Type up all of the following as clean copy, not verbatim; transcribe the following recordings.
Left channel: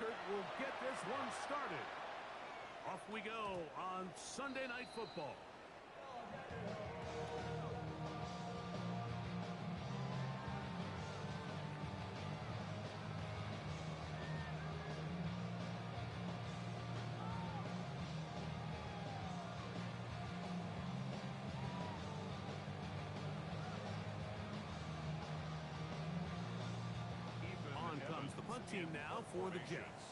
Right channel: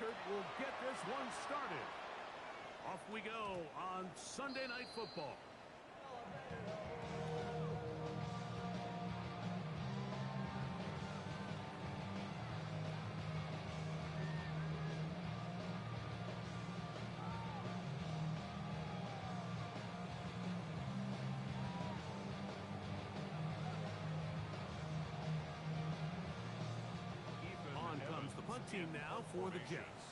record will get this one started. Off we go on Sunday Night Football. On comes the punt team now for the Jets.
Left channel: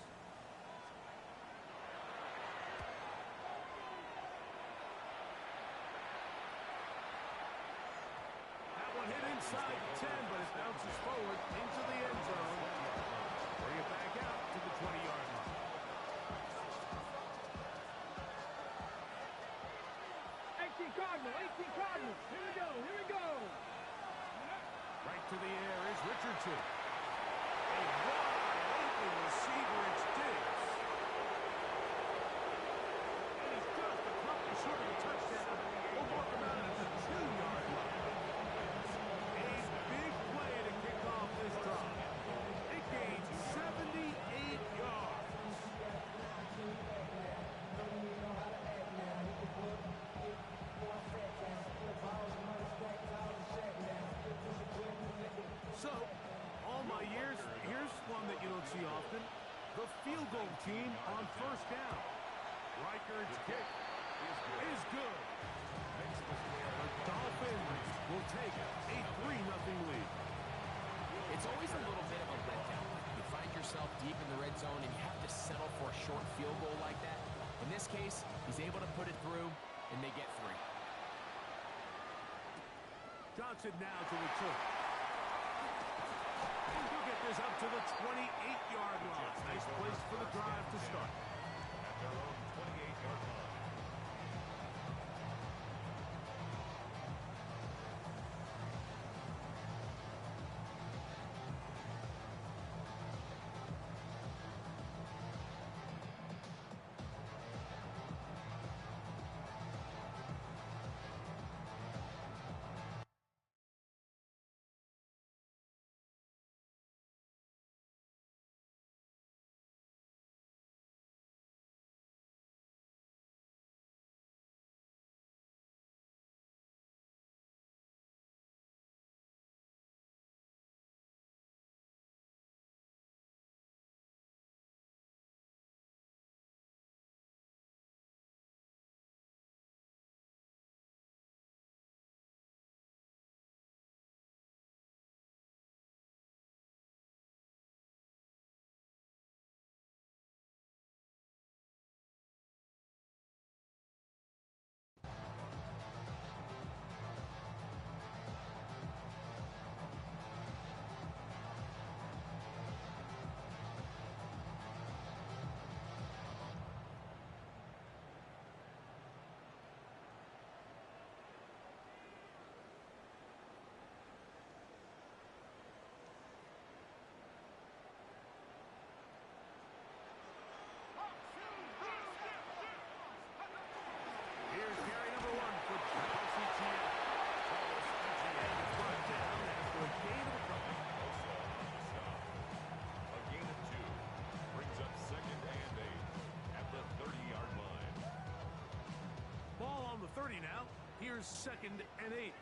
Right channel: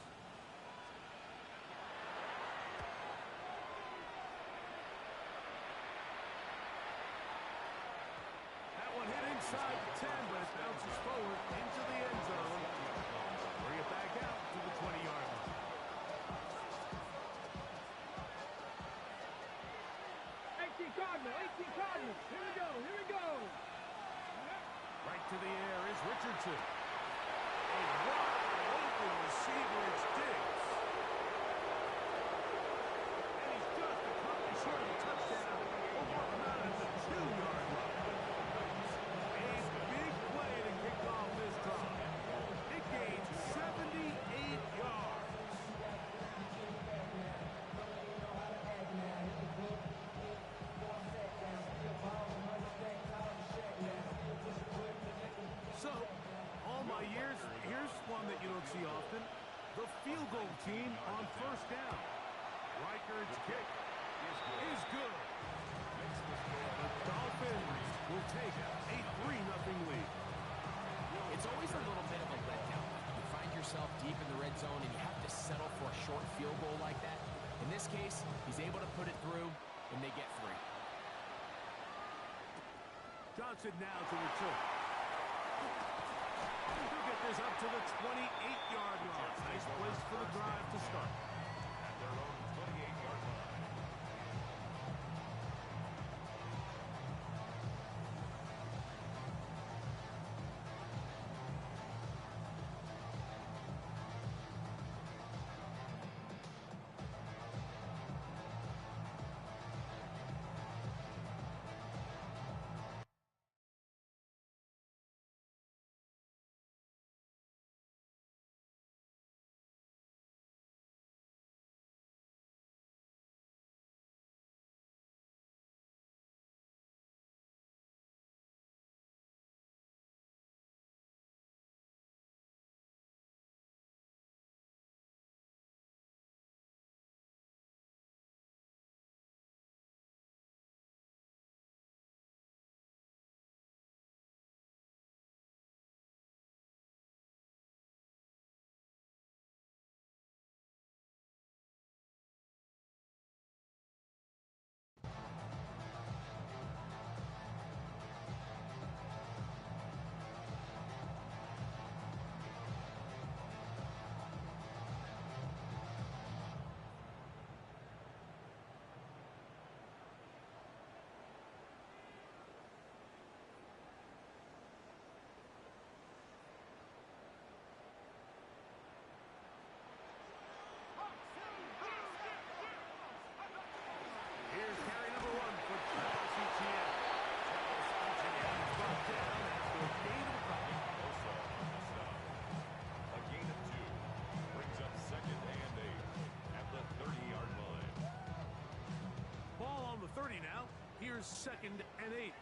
That one hit inside the 10, but it bounces forward into the end zone. Bring it back out to the 20-yard line. 18 Cardinals, 18 Cardinals. Here we go, here we go. Right to the air is Richardson. A wide open receiver, it's Diggs. And he's just a couple short of a touchdown. We'll mark him out at the 2-yard line. A big play to kick off this drive. It gains 78 yards. So, all my years, here's one that you don't see often. The field goal team on first down. Reichard's kick is good. The Dolphins will take a 3-0 lead. It's always a little bit of a letdown. Like you find yourself deep in the red zone and you have to settle for a short field goal like that. In this case, he's able to put it through, and they get 3. Johnson now to return. He'll get this up to the 28-yard line. Nice place for the drive to start. At their own 28-yard line. Here's carry number 1 for Travis Etienne. Travis Etienne is brought down after a gain of a couple. Bosa on the stop. A gain of 2 brings up 2nd and 8 at the 30-yard line. Ball on the 30 now. Here's 2nd and 8.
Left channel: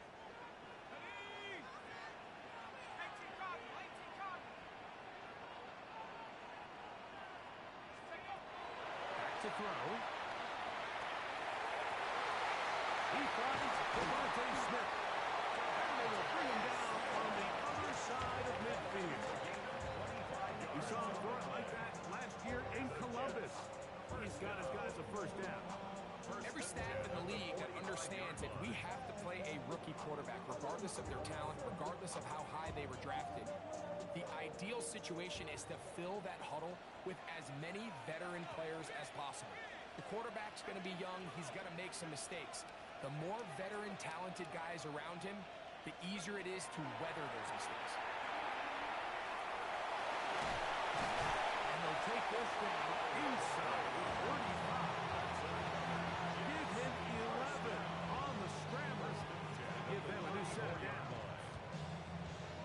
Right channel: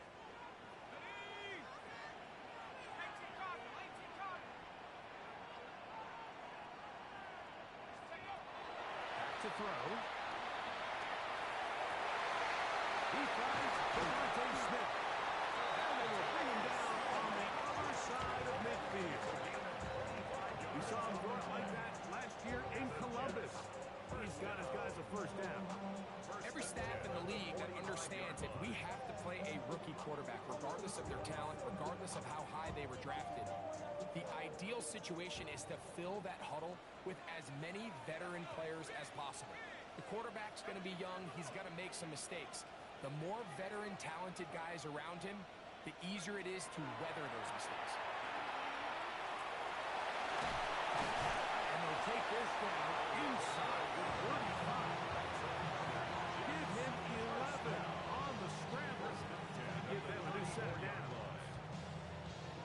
Back to throw. He finds Devontae Smith. And they will bring him down on the other side of midfield. We saw him throw it like that last year in Columbus. He's got his guys a first down. Every staff in the league that understands that we have to play a rookie quarterback, regardless of their talent, regardless of how high they were drafted. The ideal situation is to fill that huddle with as many veteran players as possible. The quarterback's going to be young. He's going to make some mistakes. The more veteran, talented guys around him, the easier it is to weather those mistakes. And they'll take this down inside the 35. Give him 11 on the scramble to give them a new set of downs.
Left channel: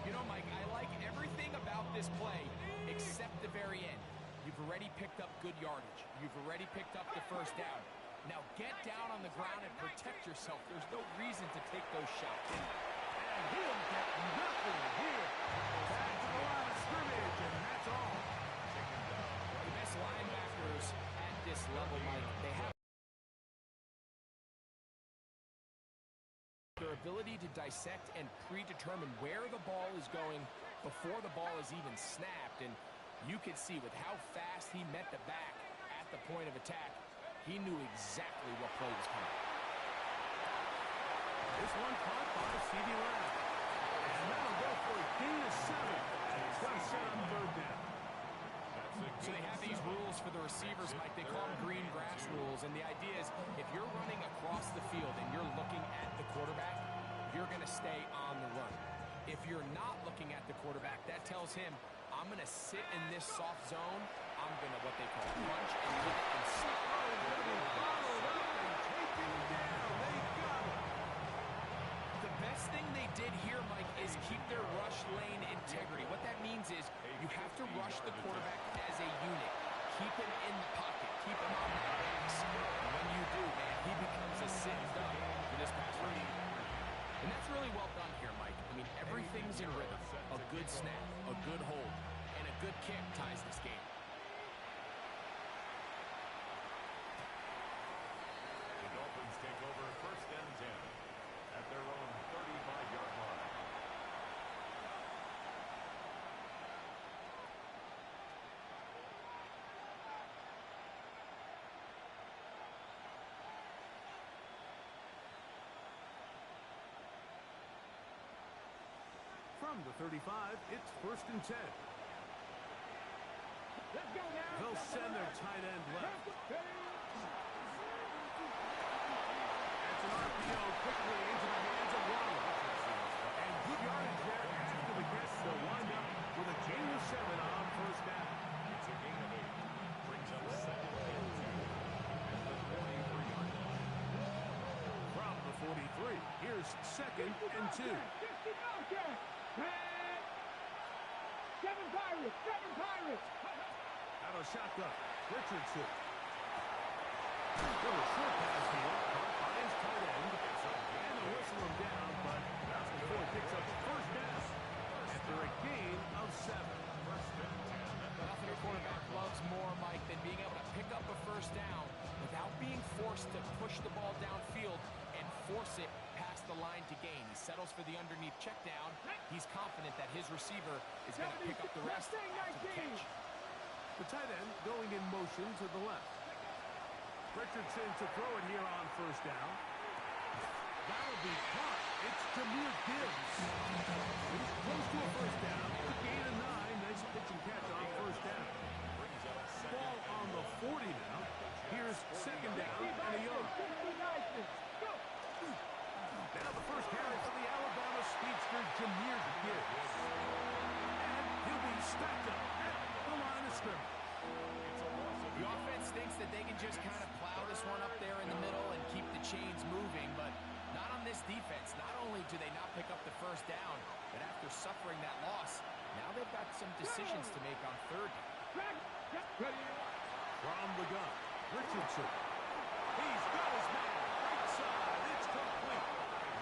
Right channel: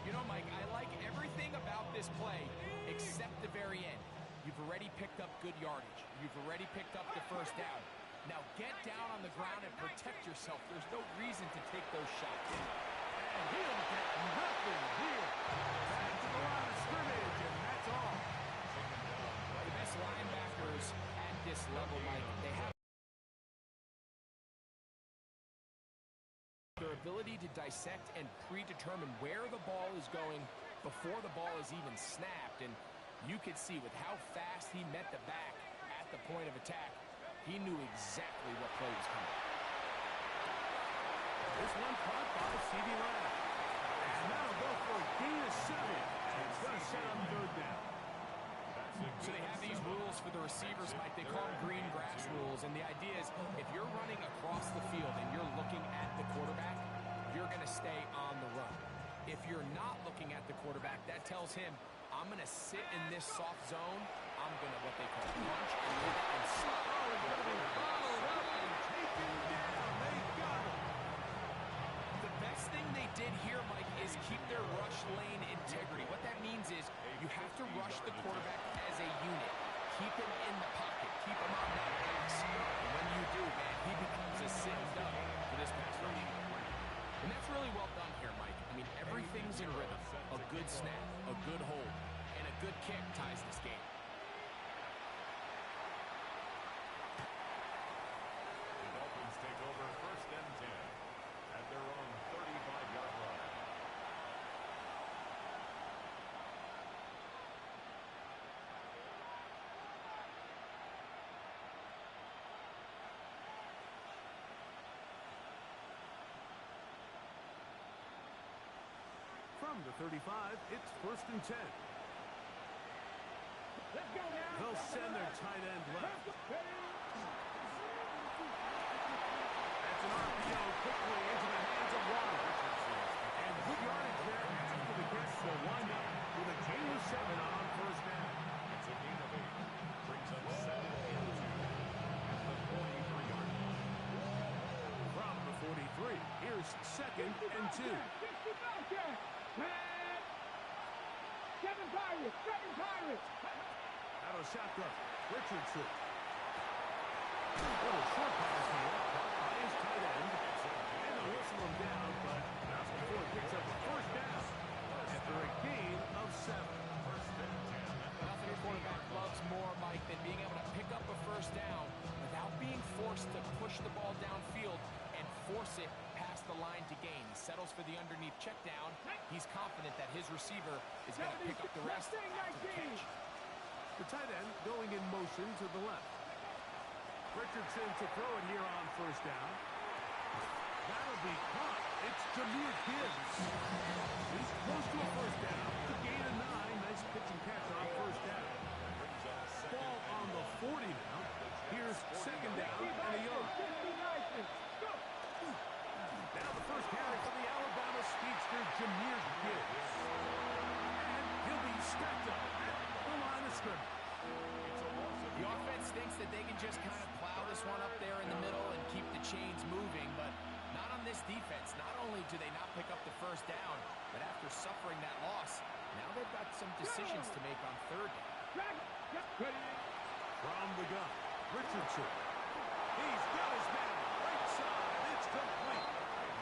You know, Mike, I like everything about this play except the very end. You've already picked up good yardage. You've already picked up the first down. Now get down on the ground and protect yourself. There's no reason to take those shots. And he'll get nothing here. Back to the line of scrimmage, and that's all. The best linebackers at this level, Mike, they have their ability to dissect and predetermine where the ball is going before the ball is even snapped. And you could see with how fast he met the back at the point of attack, he knew exactly what play was coming. This one caught by C.D. Lamb. And that'll go for a gain of 7. And it's going to set up third down. So they have these rules for the receivers, Mike. They call them green grass rules. And the idea is if you're running across the field and you're looking at the quarterback, you're going to stay on the run. If you're not looking at the quarterback, that tells him, I'm going to sit in this soft zone. I'm going to, what they call, punch and pivot and stop. Oh, he's going to be bottled up and taken down. They got him. The best thing they did here, Mike, is keep their rush lane integrity. What that means is you have to rush the quarterback as a unit. Keep him in the pocket. Keep him on that X. And when you do, man, he becomes a sitting duck for this pass rush. And that's really well done here, Mike. I mean, everything's in rhythm. A good snap, a good hold, and a good kick ties this game. The Dolphins take over first and 10 at their own 35-yard line. From the 35, it's first and 10. Let's go now. They'll send their tight end left. That's an RPO quickly into the hands of Waddle. And good yardage there after the catch. They'll wind up with a gain of 7 on first down. It's a gain of 8. Brings up second and 2 at the 43-yard line. From the 43, here's second and 2. 7 Pirates, 7 Pirates. Out of shotgun, Richardson. Little short pass here, caught by his tight end. And they'll whistle him down, but not before he picks up a first down after a gain of 7. First and 10. Nothing a quarterback loves more, Mike, than being able to pick up a first down without being forced to push the ball downfield and force it past the line to gain. He settles for the underneath check down. He's confident that his receiver is going to pick up the rest after the catch. The tight end going in motion to the left. Richardson to throw it here on first down. That'll be caught. It's Jahmyr Gibbs. He's close to a first down. The gain of 9. Nice pitch and catch on first down. Ball on the 40 now. Here's second down and a yard. Now the first carry for the Alabama speedster, Jahmyr Gibbs. And he'll be stacked up at the line of scrimmage. The offense thinks that they can just kind of plow this one up there in the middle and keep the chains moving, but not on this defense. Not only do they not pick up the first down, but after suffering that loss, now they've got some decisions to make on third down. From the gun, Richardson. He's got his man. Right side. It's complete.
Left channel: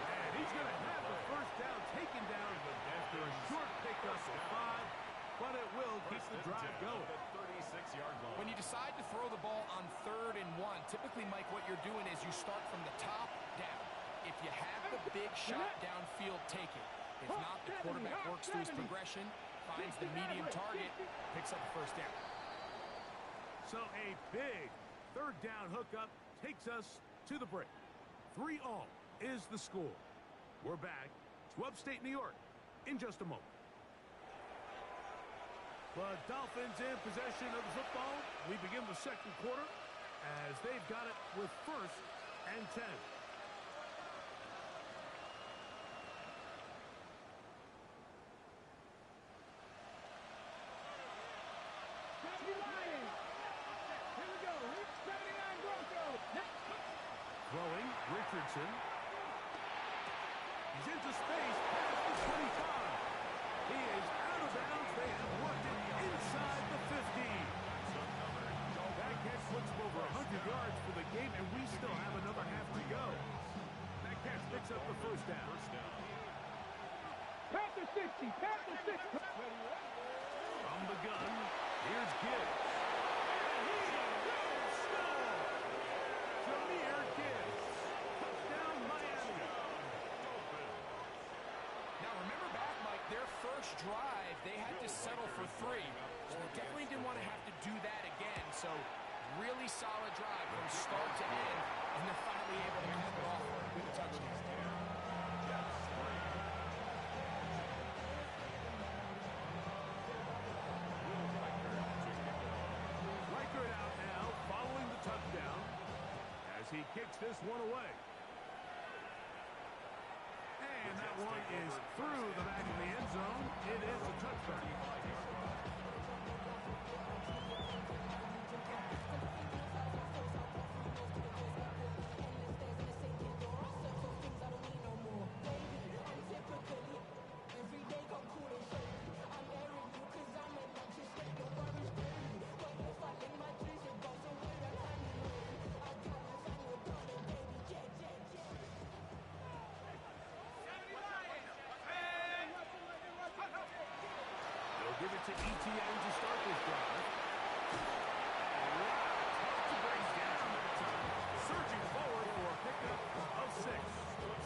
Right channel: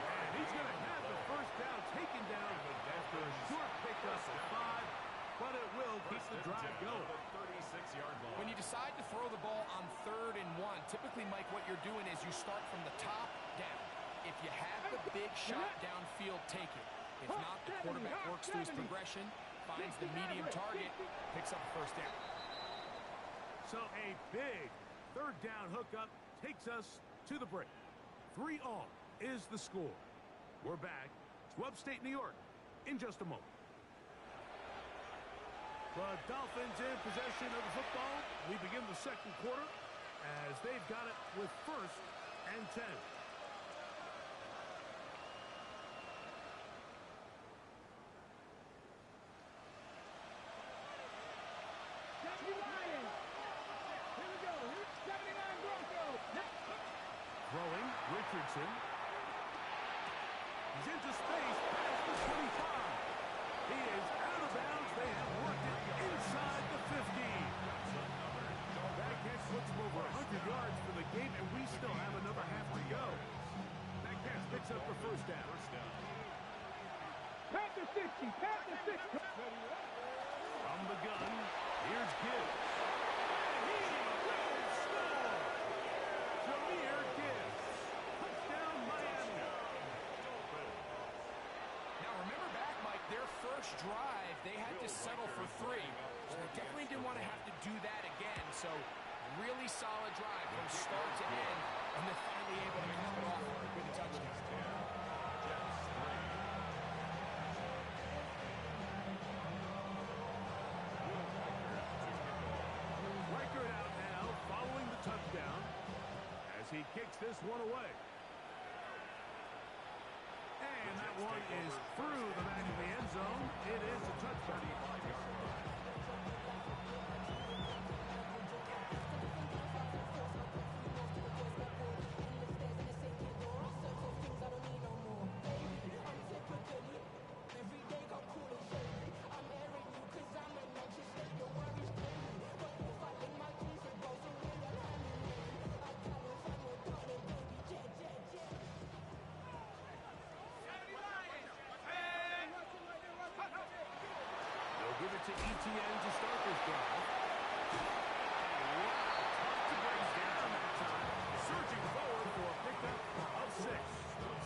And he's going to have the first down taken down after a short pickup of 5, but it will keep the drive going. When you decide to throw the ball on 3rd and 1, typically, Mike, what you're doing is you start from the top down. If you have the big shot downfield, take it. If not, the quarterback works through his progression, finds the medium target, picks up the first down. So a big third down hookup takes us to the break. 3-all is the score. We're back to upstate New York in just a moment. The Dolphins in possession of the football. We begin the second quarter as they've got it with first and 10. Throwing, Richardson. He's into space past the 25. He is out of bounds. They have worked it inside the 15. first down. Panther 60, Panther 60. From the gun, here's Gibbs. And he will score! Jahmyr Gibbs. Touchdown, Miami. Now, remember back, Mike, their first drive, they had to settle for 3. So they definitely didn't want to have to do that again. So really solid drive from start to end, and they're finally able to cap it off with a touchdown. Reichert out now, following the touchdown, as he kicks this one away. And that one is through the back of the end zone. It is a touchdown. Give it to ETN to start this drive. Wow, tough to break down that time. Surging forward for a pickup of 6.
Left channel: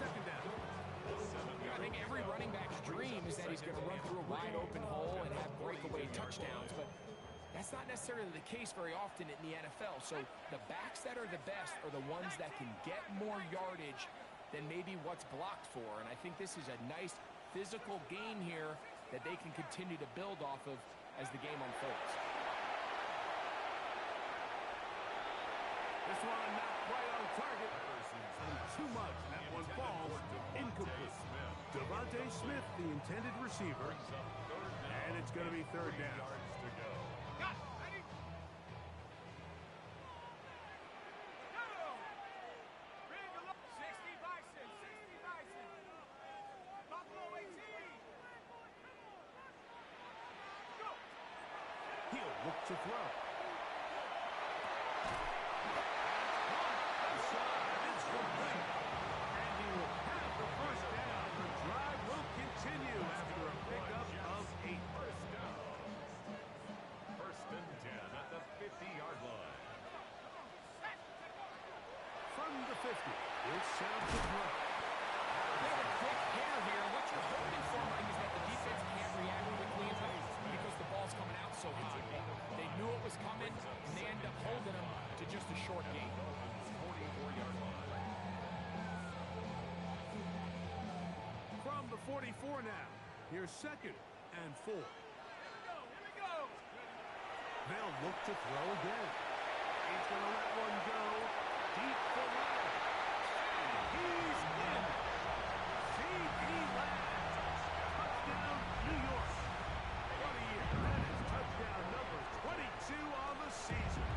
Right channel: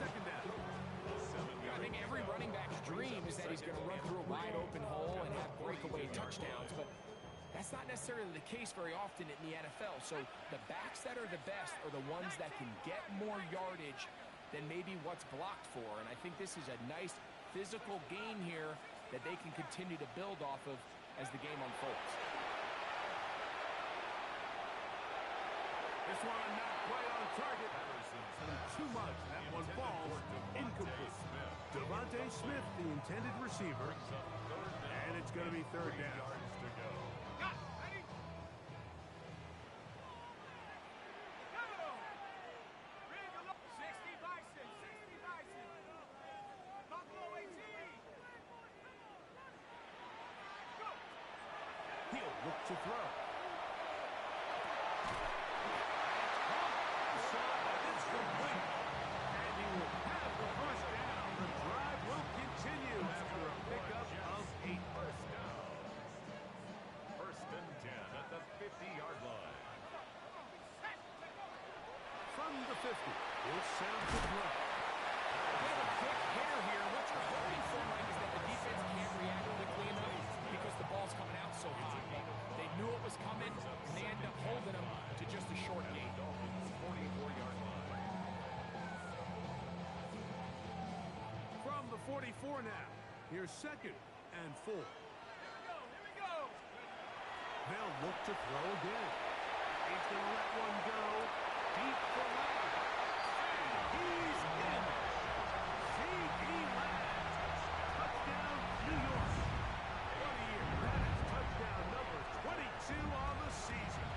Second down. I think every running back's dream is that he's going to run through a wide open hole and have breakaway touchdowns, but that's not necessarily the case very often in the NFL. So the backs that are the best are the ones that can get more yardage than maybe what's blocked for. And I think this is a nice physical gain here that they can continue to build off of as the game unfolds. This one not quite on target. Too much. That one falls incomplete. Devontae Smith, the intended receiver. And it's going to be third down. He'll look to throw. It's complete. And he will have the first down. The drive will continue after a pickup of 8. First down. First and 10 at the 50-yard line. From the 50, he'll set up the throw. They have a quick hitter here. What you're hoping for, Mike, is that the defense can't react quickly enough because the ball's coming out so hot. They knew it was coming, and they end up holding them to just a short gain. 44-yard line. From the 44 now, here's second and 4. Here we go. They'll look to throw again. He's going to let one go deep for Lamb. And he's in. C.D. Lamb. Touchdown, New York. What a year. That is touchdown number 22 on the season.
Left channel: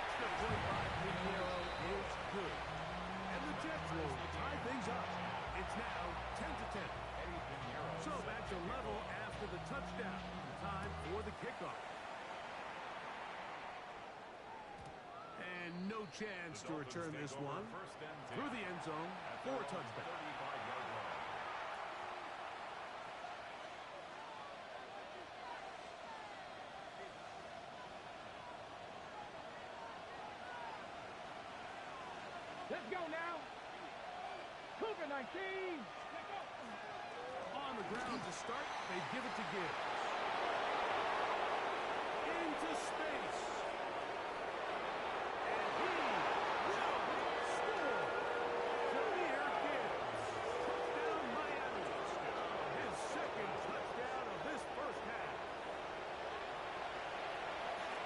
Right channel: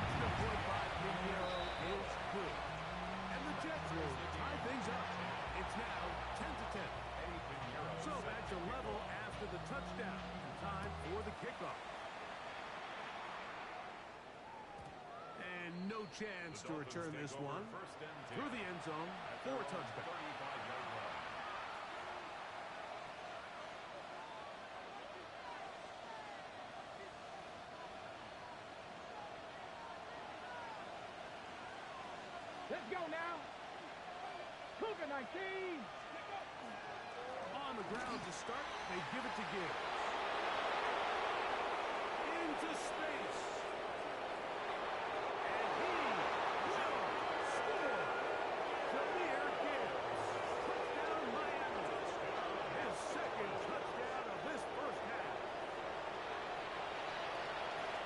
Extra point by Pinheiro is good. And the Jets will tie things up. It's now 10-10. So back to level after the touchdown. Time for the kickoff. And no chance to return this one through the end zone for a touchback. 35-yard line. Let's go now. Cougar 19. On the ground to start, they give it to Gibbs. Into space. And he will score. Jahmyr Gibbs. Touchdown, Miami. His second touchdown of this first half.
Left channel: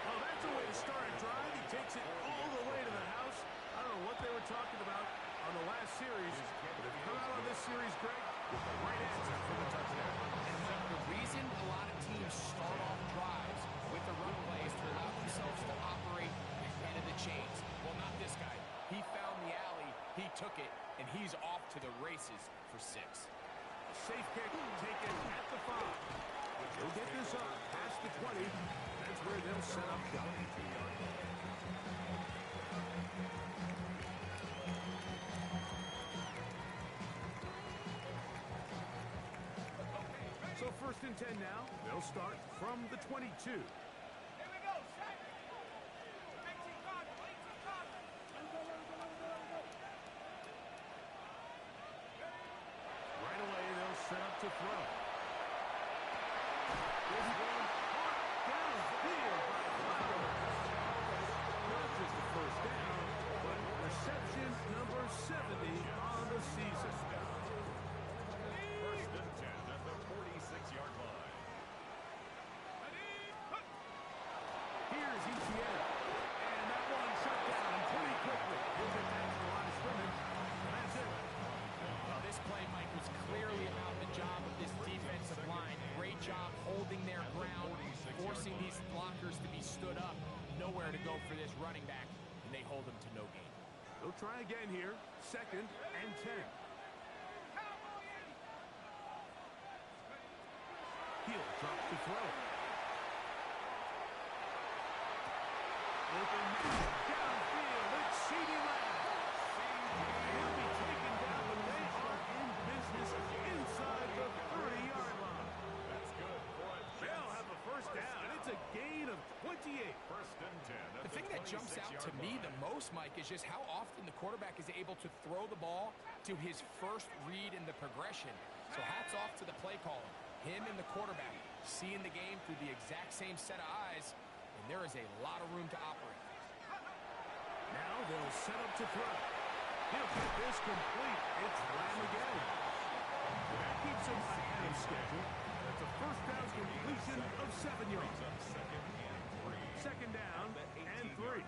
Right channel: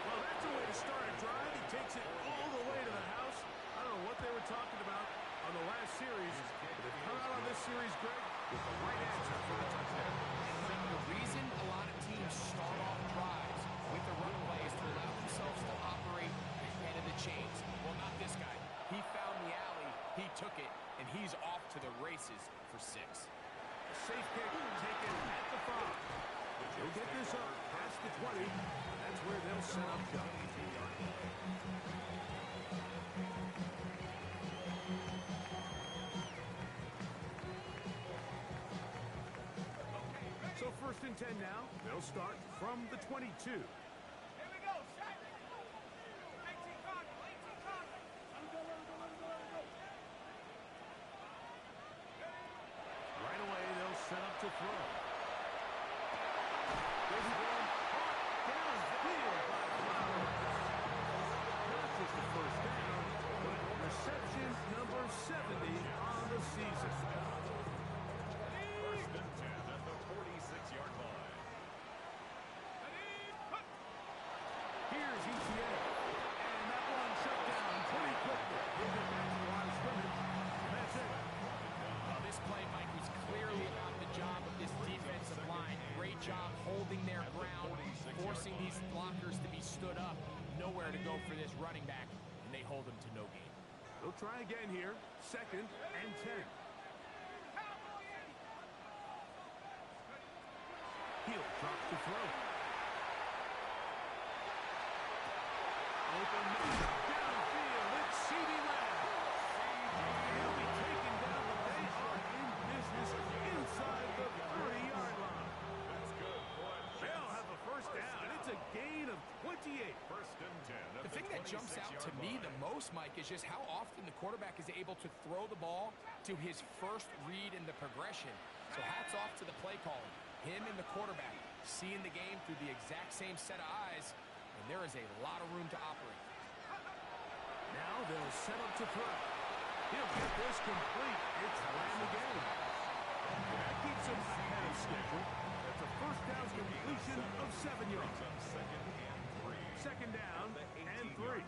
Well, that's a way to start a drive. He takes it all the way to the house. I don't know what they were talking about on the last series, but they've come out on this series, Greg, with the right answer for the touchdown. And Mike, the reason a lot of teams start off drives with the run plays to allow themselves to operate ahead of the chains. Well, not this guy. He found the alley, he took it, and he's off to the races for 6. A safe kick taken at the 5. They'll get this up past the 20. That's where they'll set up shop. first and 10 now. They'll start from the 22. Here we go, set. 18 Cardinal, 18 Cardinal. Let him go, let him go, let him go, let him go. Right away, they'll set up to throw. This one caught downfield by Flowers. Not just the first down, but reception number 70 on the season. First and 10 at the 46-yard line. Here's ETN. And that one shut down pretty quickly. He'll get back to the line of scrimmage. And that's it. Well, this play, Mike, was clearly about the job of this defensive line. Great job holding their ground, forcing these blockers to be stood up. Nowhere to go for this running back, and they hold him to no gain. They'll try again here. Second and 10. Hill drops to throw. Open man downfield. It's CeeDee Lamb. He'll be taken down, but they are in business inside the 30-yard line. That's good. Boy, They'll have a first down. It's a gain of 28. First and 10 at The thing that jumps out to me the most, Mike, is just how often the quarterback is able to throw the ball to his first read in the progression. So hats off to the play caller. Him and the quarterback seeing the game through the exact same set of eyes, and there is a lot of room to operate. Now they'll set up to throw. He'll get this complete. It's Lamb again. That keeps him ahead of schedule. That's a first down completion of 7 yards. Second and 3. Second down and 3.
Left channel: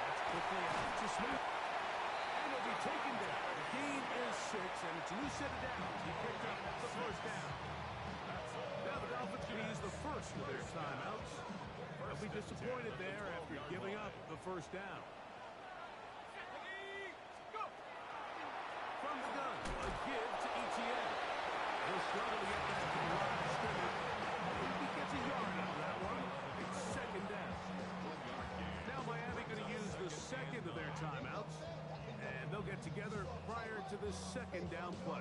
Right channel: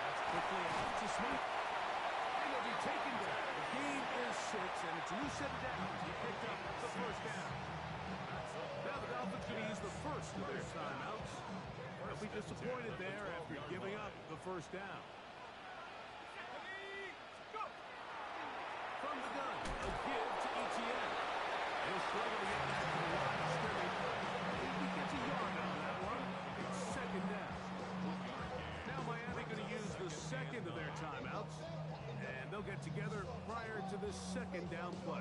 That's quickly out to Smith. And he'll be taken down. The gain is 6, and it's a new set of downs. He picked up the first down. Now the Dolphins going to use the first of their timeouts. They'll be disappointed there after giving up the first down. From the gun, a give to ETN. He'll struggle to get back to the line of scrimmage. If he gets a yard out of that one, it's second down. Now Miami going to use the second of their timeouts, and they'll get together prior to this second down play.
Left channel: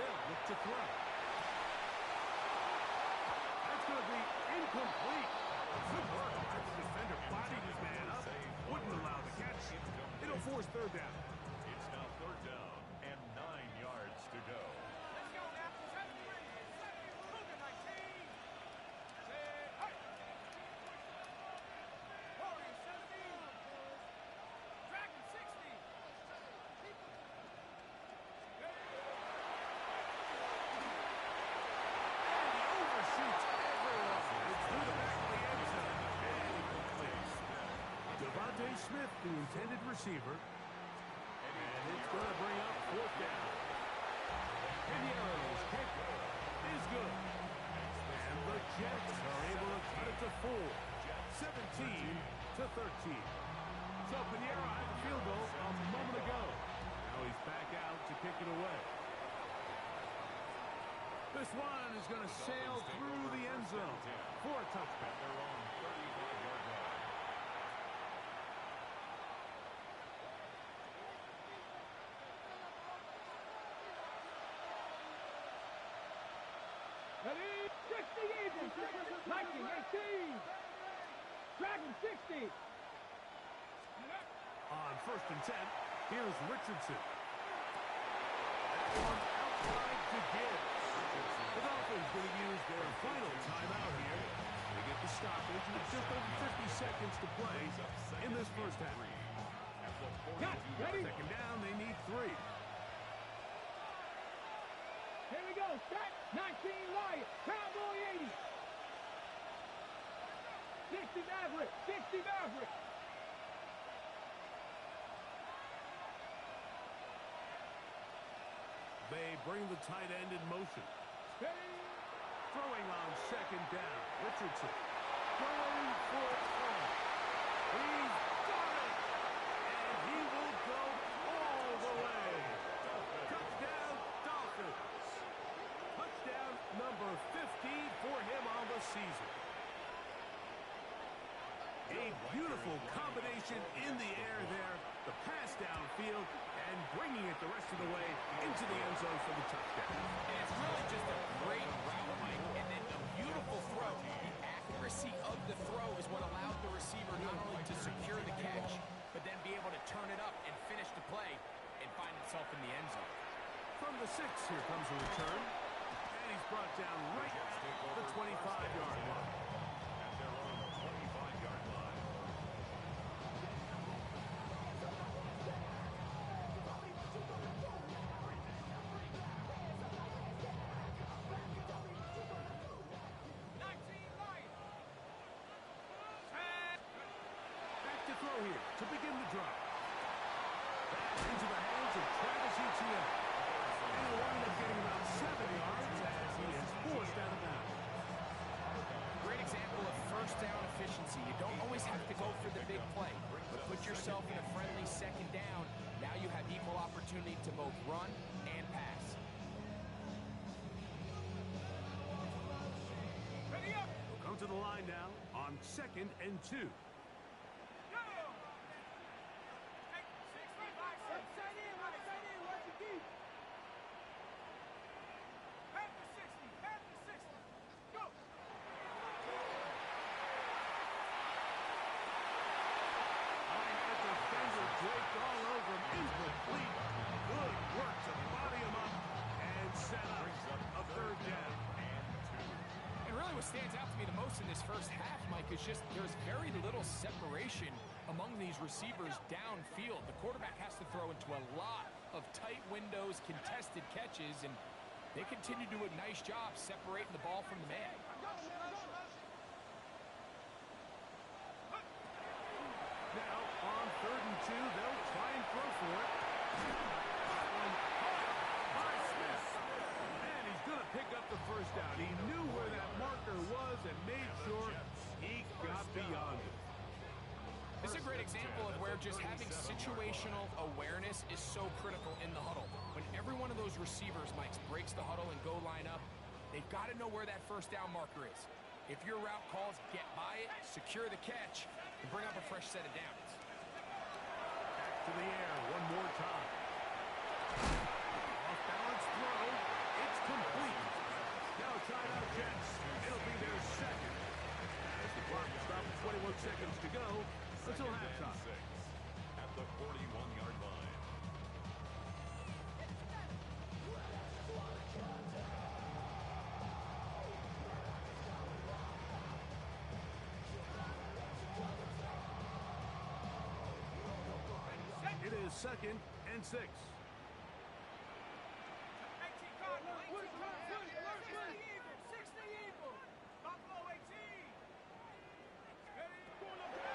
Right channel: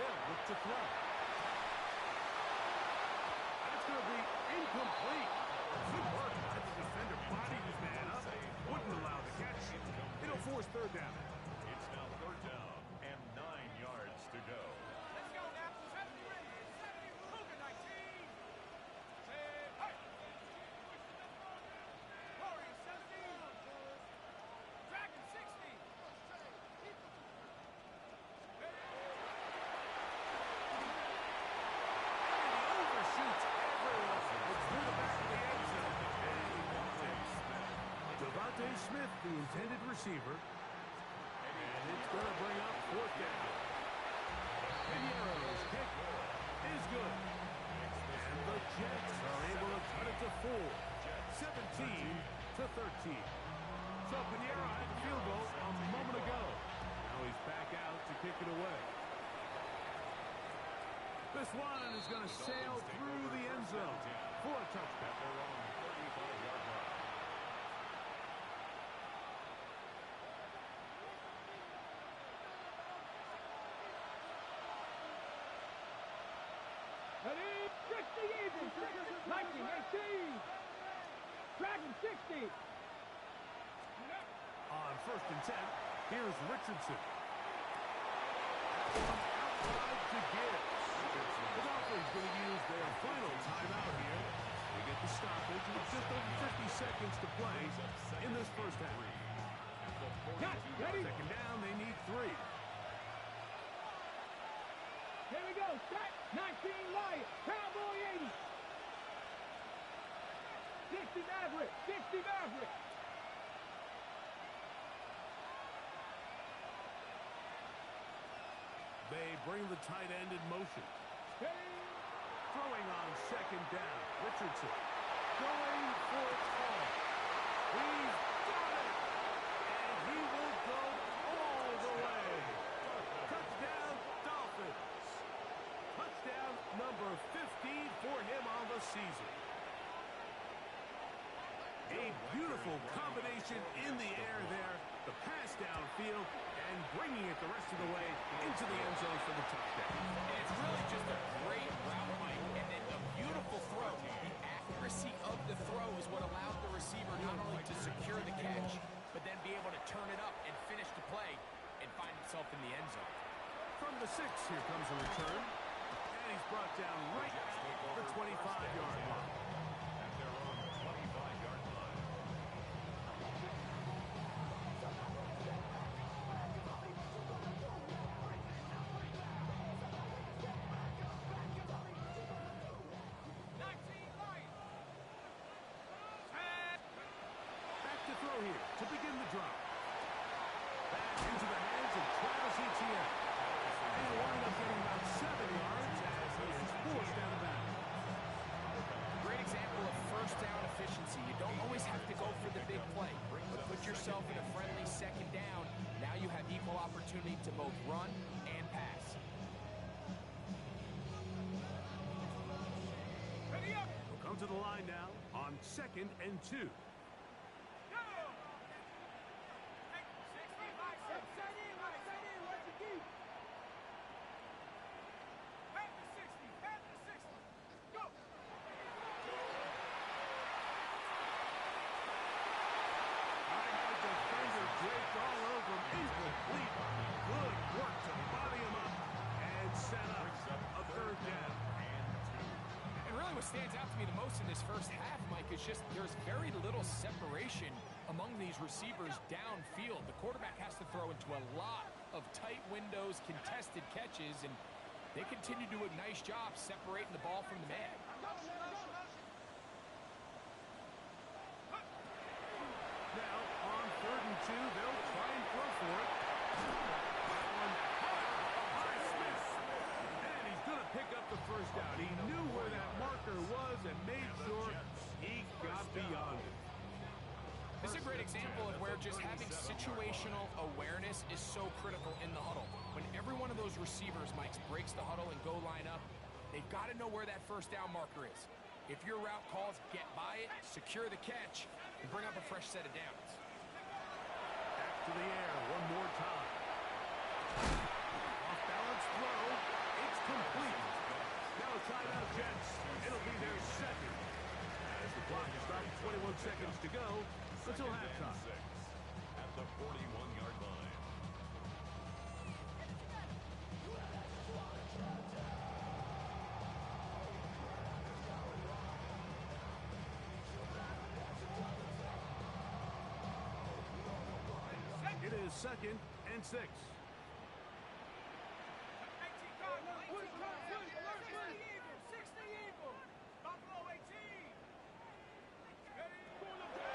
They'll look to throw. That's going to be incomplete. Good work by the defender. Bodied his man up. Wouldn't allow the catch. It'll force third down. It's now third down and 9 yards to go. Let's go now. 70 Rangers, 70 Cougar 19. Say, hey. Warriors 70. Dragon 60. And he overshoots everyone. It's through the back of the end zone. And incomplete. Devontae Smith, the intended receiver. And it's going to bring up fourth down. Piñeiro's kick is good. And the Jets are able to cut it to 4. 17 to 13. So Piñeiro had the field goal a moment ago. Now he's back out to kick it away. This one is going to sail through the end zone for a touchback. At their own 35-yard line. Ready? 60 Eagles. 19, 18. Dragon 60. On first and 10, here's Richardson. That one out wide to Gibbs. The Dolphins going to use their final timeout here. They get the stoppage with just over 50 seconds to play in this first half. At the Cut. 42-yard Ready? Second down, they need 3. Here we go. Set. 19 Lions. Cowboy 80. 60 Maverick. 60 Maverick. They bring the tight end in motion. Throwing on second down. Richardson going for it all. He's got it. And he will go all the way. Touchdown, Dolphins. Touchdown, number 15 for him on the season. A beautiful combination in the air there. The pass downfield and bringing it the rest of the way into the end zone for the touchdown. And it's really just a great route, Mike, and then a beautiful throw. The accuracy of the throw is what allowed the receiver not only to secure the catch, but then be able to turn it up and finish the play and find himself in the end zone. From the 6, here comes a return. And he's brought down right at the 25-yard line. At their own 25-yard line. Back to throw here to begin the drive. Back into the hands of Travis Etienne. And he'll wind up getting about 7 yards as he is forced out of bounds. Great example of first down efficiency. You don't always have to go for the big play, but put yourself in a friendly second down. Now you have equal opportunity to both run and pass. He'll come to the line now on 2nd and 2. Draped all over him. Incomplete. Good work to body him up and set up a 3rd down. And really what stands out to me the most in this first half, Mike, is just there's very little separation among these receivers downfield. The quarterback has to throw into a lot of tight windows, contested catches, and they continue to do a nice job separating the ball from the man. Now, on 3rd and 2, they'll try and throw for it. That one caught by Smith. And he's going to pick up the first down. He knew where that marker was and made sure he got beyond it. This is a great example of where just having situational awareness is so critical in the huddle. When every one of those receivers, Mike, breaks the huddle and go line up, they've got to know where that first down marker is. If your route calls, get by it, secure the catch, and bring up a fresh set of downs. Back to the air one more time. Off balance throw. It's complete. Now timeout Jets. It'll be their 2nd. As the clock stops, 21 seconds to go until halftime. At the 41-yard line. It is 2nd and 6.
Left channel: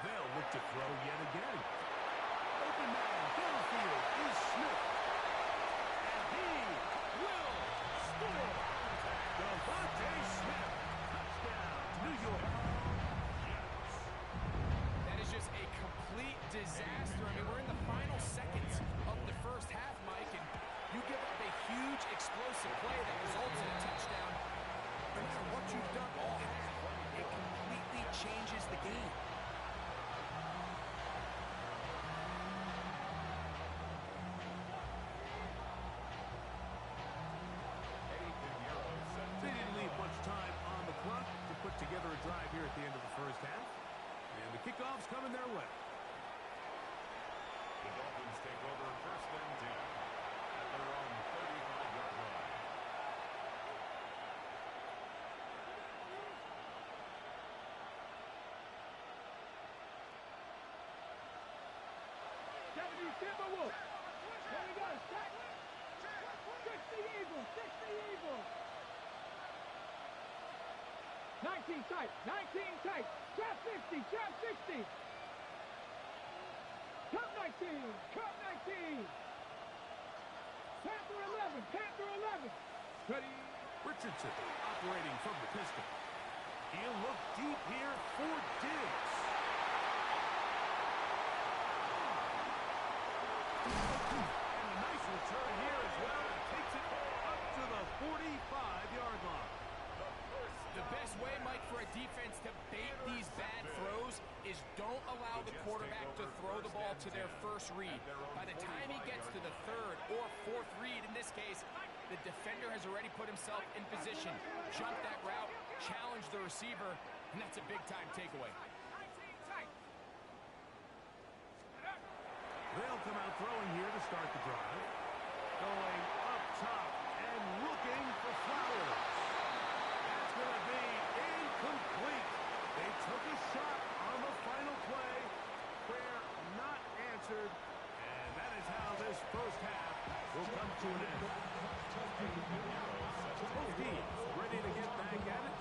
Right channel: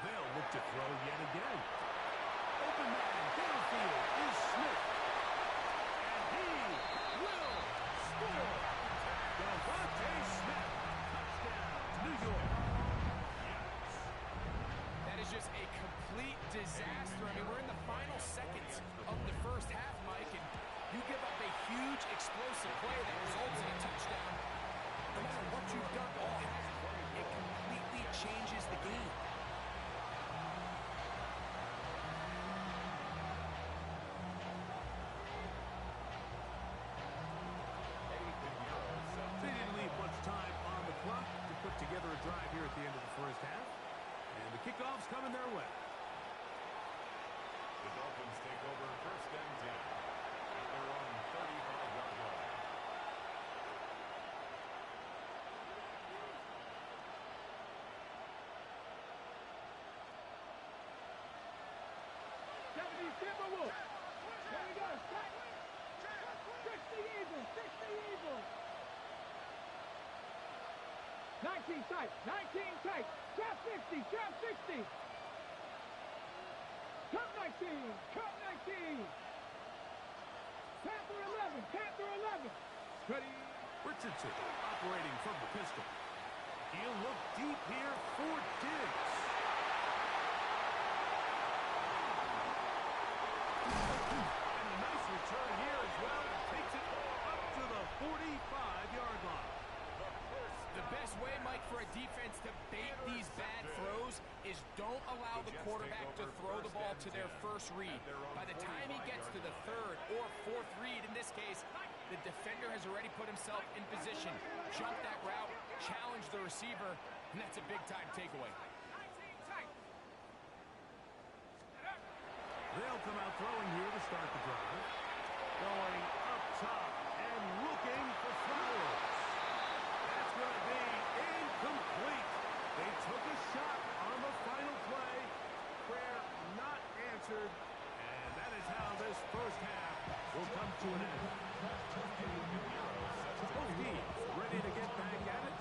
They'll look to throw yet again. Open man downfield is Smith. And he will score. Devontae Smith. Touchdown, New York. That is just a complete disaster. I mean, we're in the final seconds of the first half, Mike, and you give up a huge explosive play that results in a touchdown. No matter what you've done all half, it completely changes the game. They didn't leave much time on the clock to put together a drive here at the end of the first half. And the kickoff's coming their way. The Dolphins take over 1st and 10 at their own 35-yard line. Timberwolves. Here we go. Set. 60 Eagles. 60 Eagles. 19 tight. 19 tight. Trap 60. Trap 60. Cup 19. Cup 19. Panther 11. Panther 11. Ready. Richardson operating from the pistol. He'll look deep here for Diggs. And a nice return here as well. It takes it up to the 45-yard line. The best way, Mike, for a defense to bait these bad throws is don't allow the quarterback to throw the ball to their first read. By the time he gets to the third or fourth read, in this case, the defender has already put himself in position, jumped that route, challenged the receiver, and that's a big-time takeaway. They'll come out throwing here to start the drive. Going up top and looking for Flowers. That's going to be incomplete. They took a shot on the final play. Prayer not answered. And that is how this first half will come to an end. Both teams ready to get back at it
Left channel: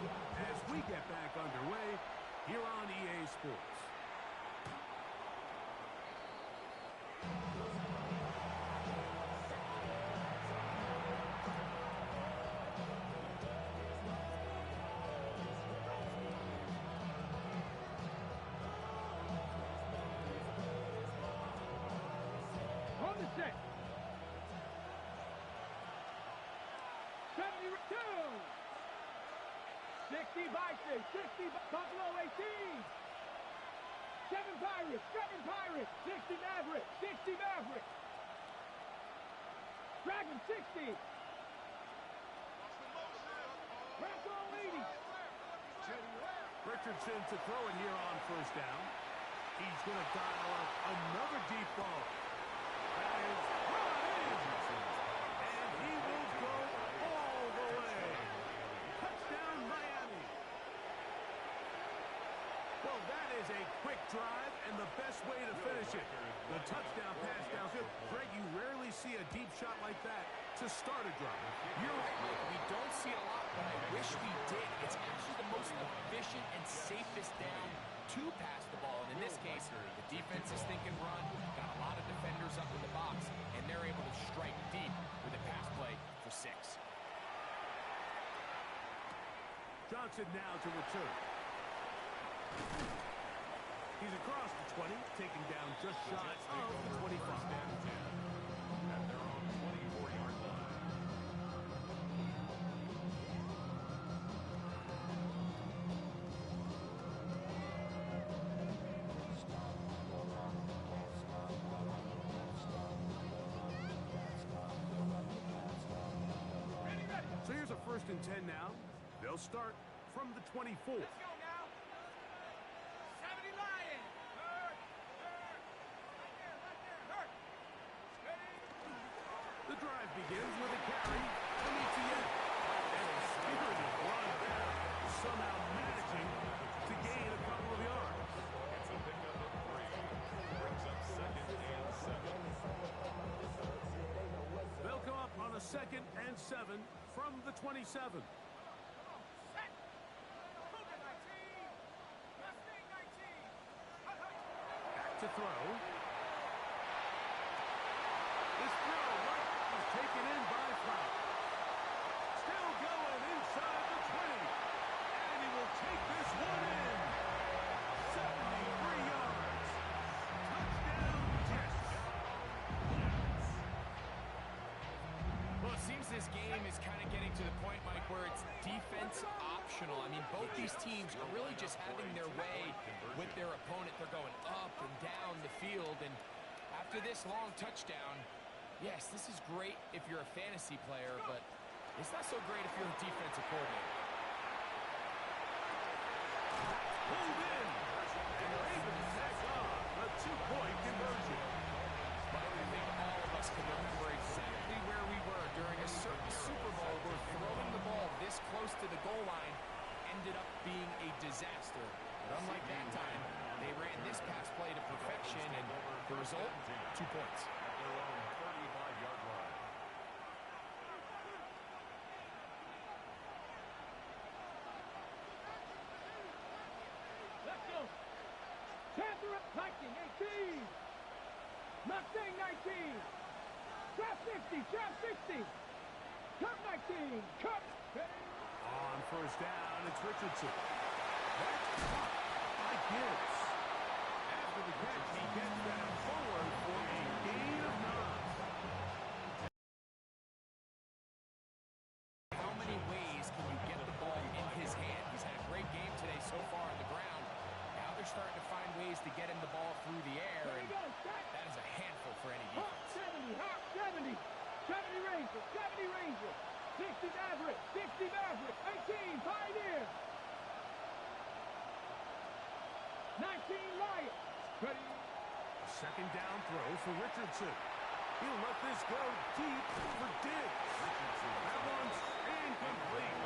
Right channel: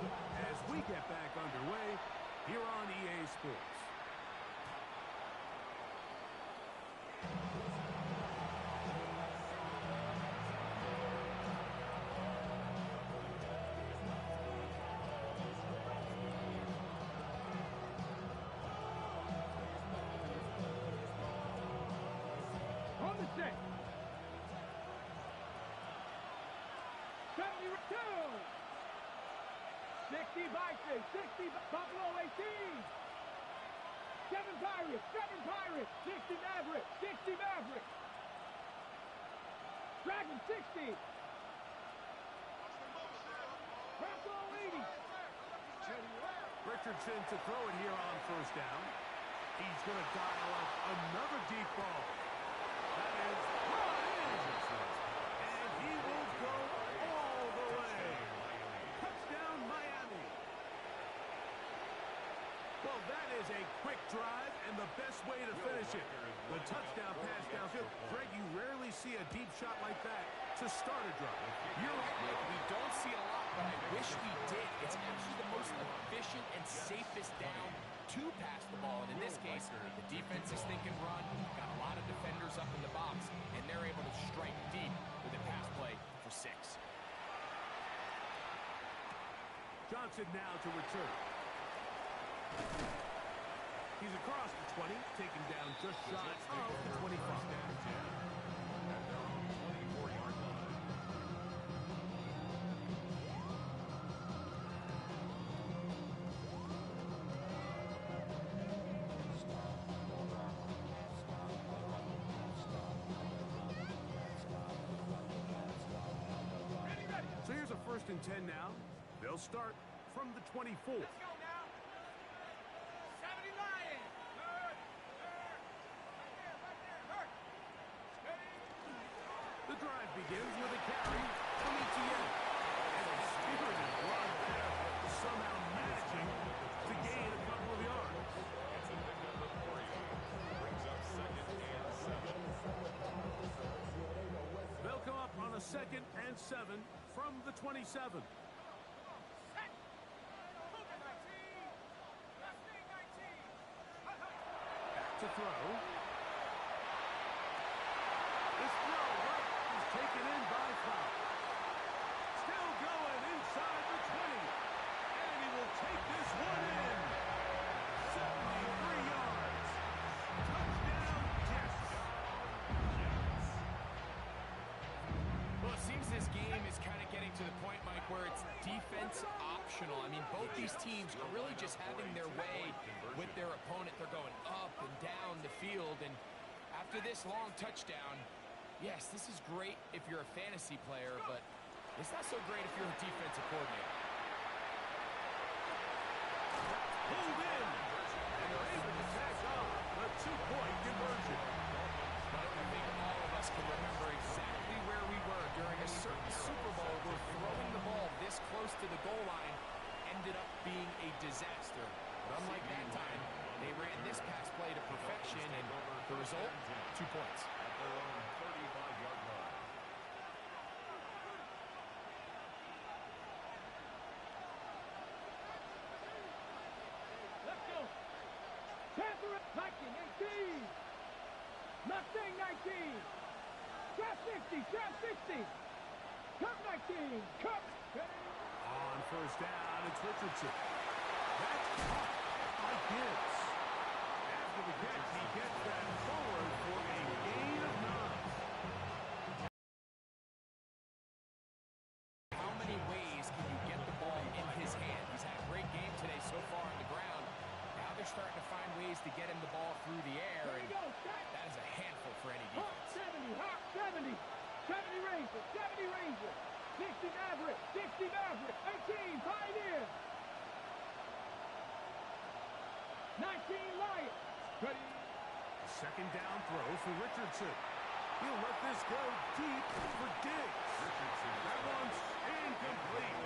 as we get back underway here on EA Sports. On the set. 72. 60 Vikings, 60 Buffalo 18. 7 Pirates, 60 Mavericks, 60 Mavericks. Dragon 60. Rocco 80. Richardson to throw it here on first down. He's going to dial up another deep ball. That is brought in. And he will go all the way. Touchdown, Miami. Well, that is a quick drive and the best way to finish it. The touchdown pass downfield. Greg, you rarely see a deep shot like that to start a drive. You're right, Mike. We don't see it a lot, but I wish we did. It's actually the most efficient and safest down to pass the ball. And in this case, the defense is thinking run, got a lot of defenders up in the box, and they're able to strike deep with a pass play for 6. Johnson now to return. He's across the 20, taken down just shy of the 25. At their own 24-yard line. So here's a 1st and 10 now. They'll start from the 24. Let's go now. 70 Lions. Hurt. Right there. Hurt. Steady. The drive begins with a carry from Etienne. And a spirited run there, somehow managing to gain a couple of yards. It's a pickup of 3. Brings up 2nd and 7. They'll come up on a 2nd and 7 from the 27. Set. Cougar 19. Mustang 19. Back to throw. This throw right is taken in by Flowers. Still going inside the 20. And he will take this one in. 73 yards. Touchdown, Jets. Well, it seems this game is kind of getting to the point, Mike, where it's defense optional. I mean, both these teams are really just having their way with their opponent. They're going up and down the field, and after this long touchdown, yes, this is great if you're a fantasy player, but it's not so great if you're a defensive coordinator. Pulled in. And they're able to tack on a 2-point conversion. But I think all of us can remember exactly where we were during a certain Super Bowl where throwing the ball this close to the goal line ended up being a disaster. But unlike that time, they ran this pass play to perfection, and the result, 2 points. At their own 35-yard line. Let's go. Panther Viking 18. Mustang 19. Trap 60. Cup 19. Cup. On first down, it's Richardson. That's caught by Gibbs. After the catch, he gets that forward for a gain of 9. How many ways can you get the ball in his hand? they're starting to find ways to get him the ball through the air, and that is a handful for any defense. 70, 70 Ranger, 70 Ranger, 60 Maverick, 60 Maverick, 18 Pioneer, 19 Lions. Ready? A second down throw for Richardson. He'll let this go deep for Diggs. That one's incomplete.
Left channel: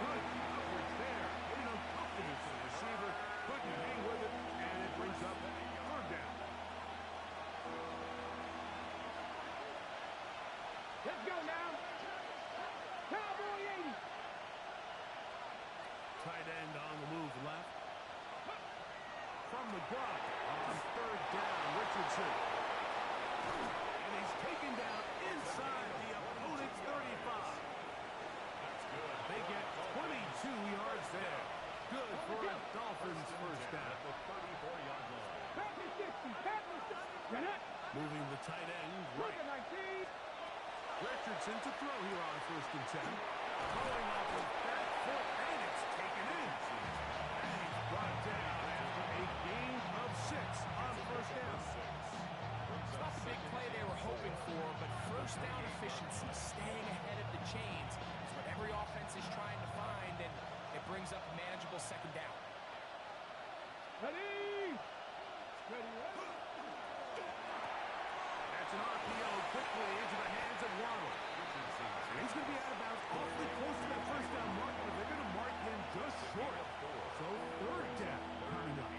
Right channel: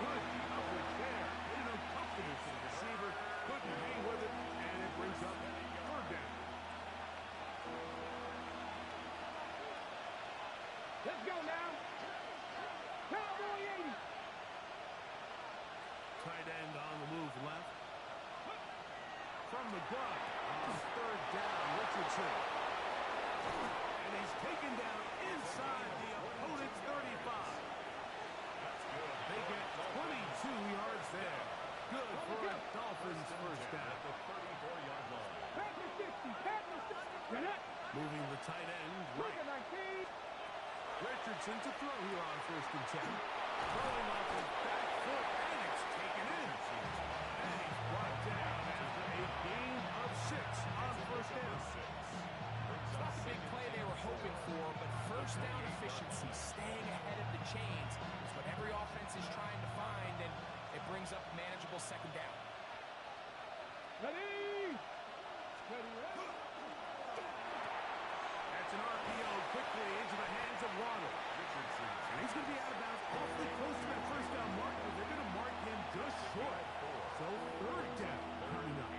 Good coverage there. Made it uncomfortable for the receiver. Couldn't hang with it, and it brings up third down. Let's go now. Cowboy 80. Tight end on the move left. From the gun on third down, Richardson. And he's taken down inside the opponent's 35. That's good. They get 22 yards there. Good for a Dolphins first down. At the 34-yard line. Packers 60, Packers 60. Run it. Moving the tight end Look right. at 19. Richardson to throw here on first and 10. Throwing off his back foot, and it's taken in. And he's brought down after a gain of 6 on first down. It's not the big play they were hoping for, but first down efficiency, staying ahead of the chains, is what every offense is trying to find, and it brings up a manageable second down. Ready. Ready, ready. That's an RPO quickly into the hands of Waddle. And he's going to be out of bounds awfully close to that first down mark, but they're going to mark him just short. So third down coming up.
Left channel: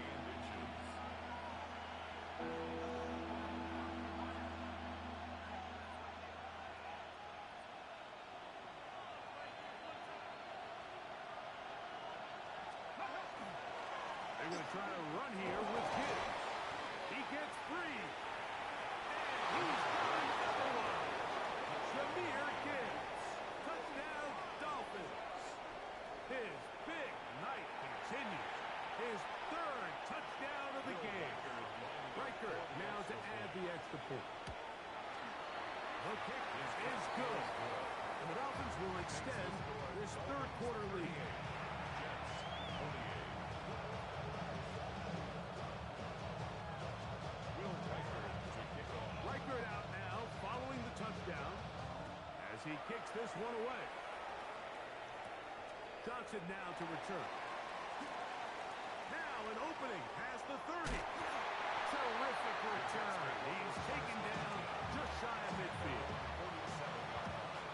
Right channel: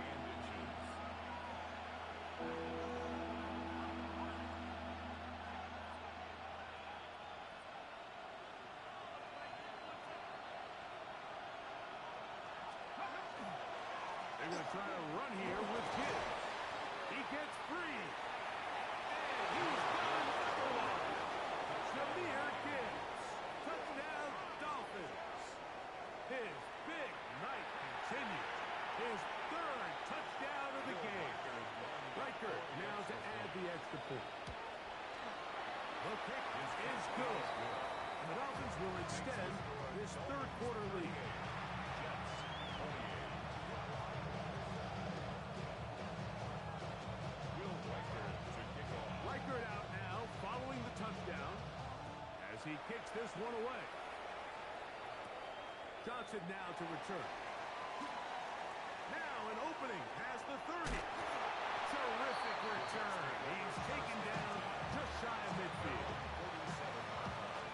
They're going to try to run here with Gibbs. He gets free. And he's got another one. Jahmyr Gibbs. Touchdown, Dolphins. His big night continues. His third touchdown of the game. Riker now to add the extra point. The kick is good. And the Dolphins will extend this third quarter lead. Riker out now, following the touchdown, as he kicks this one away. Johnson now to return. Now an opening past the 30. Terrific return. He's taken down just shy of midfield. 47-yard line.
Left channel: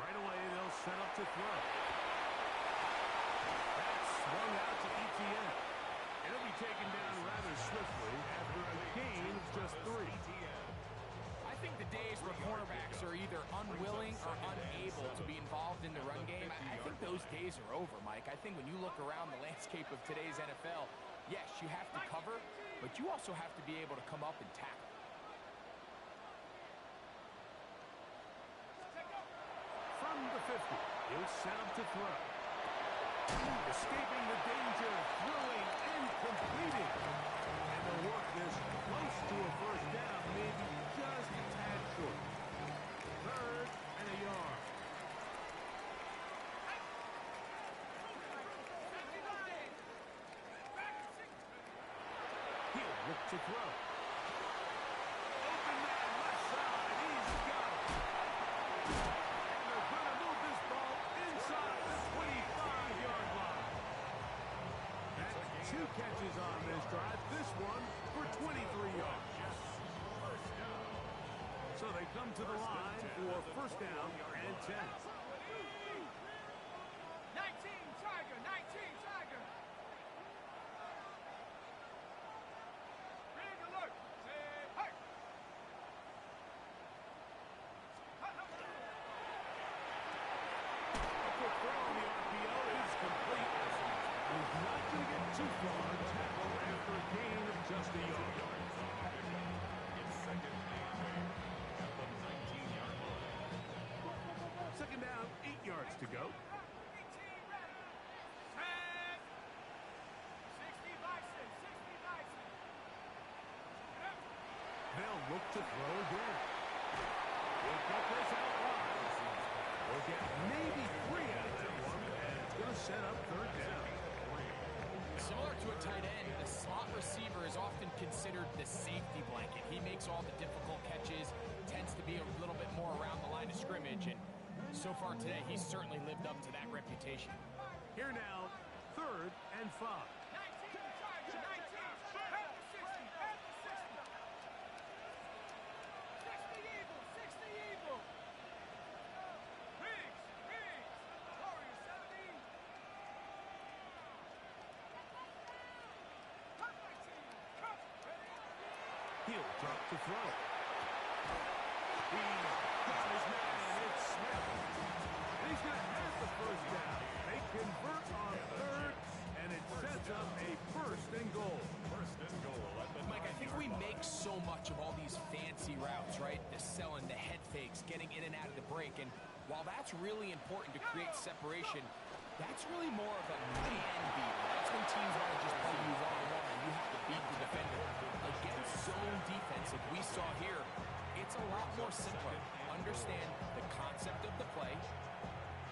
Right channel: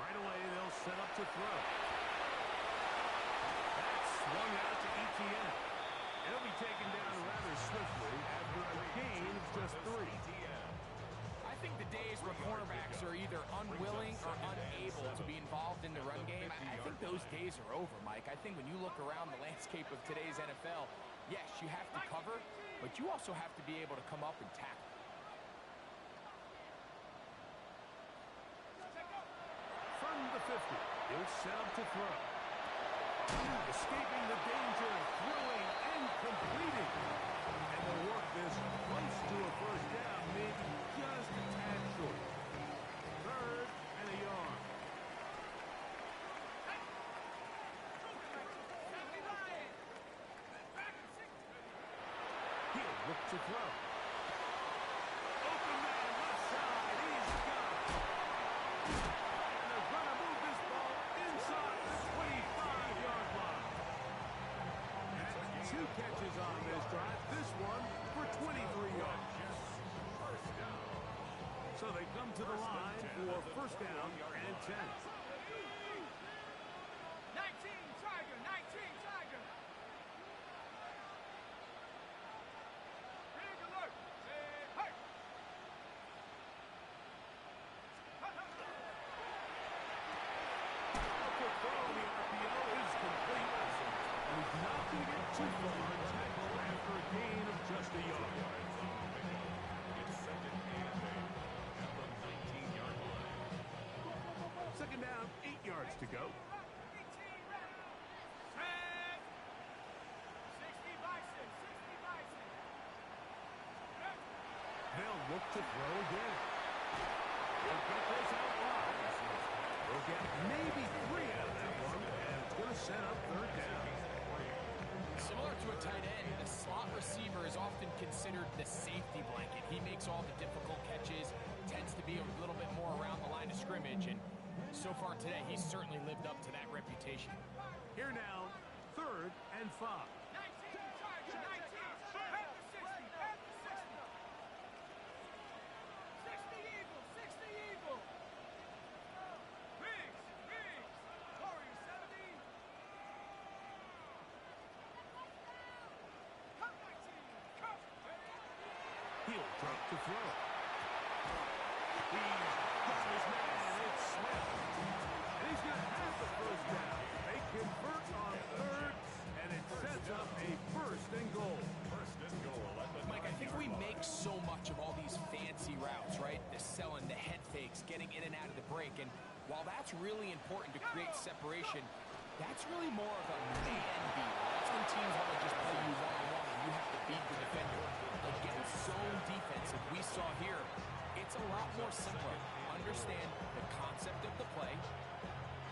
Right away, they'll set up to throw. That's swung out to ETN. It'll be taken down rather swiftly after a gain of just 3. I think the days where cornerbacks are either unwilling or unable to be involved in the run game, I think those days are over, Mike. I think when you look around the landscape of today's NFL, yes, you have to cover, but you also have to be able to come up and tackle. From the 50, he'll set up to throw. Escaping the danger, throwing and completing. And they'll work this close to a first down, maybe just a tad short. Third and a yard. He'll look to throw. Open man, left side, he's got it. And they're going to move this ball inside the 25-yard line. That's 2 catches on this drive. This one for 23 yards. So they come to the line for first down and 10. 19 Tiger, 19 Tiger. Big alert. Hey. A quick throw on the RPO is complete. And he's not going to get too far. Tackle after a gain of just a yard. It's second and 8 at the 19-yard line. Second down, 8 yards to go. 60 Bison, 60 Bison. look to throw again. He'll get this out wide. We'll get maybe 3 out of that one, and it's going to set up third down. Similar to a tight end, the slot receiver is often considered the safety blanket. He makes all the difficult catches, tends to be a little bit more around the line of scrimmage, and so far today, he's certainly lived up to that reputation. Here now, 3rd and 5. 19, Tiger, 19. Head to 60, head to 60. 60 Eagle, 60 Eagle. Biggs, Biggs. Warrior 70. Cut 19, cut. He'll drop to throw. He's got his man. It's Smith. And he's going to have the first down. They convert on 3rd, and it sets up a 1st and goal. Mike, I think we make so much of all these fancy routes, right? The selling, the head fakes, getting in and out of the break. And while that's really important to create separation, that's really more of a man beater. That's when teams want to just play you one-on-one and you have to beat the defender. Against zone defense, like we saw here, it's a lot more simpler. Understand the concept of the play,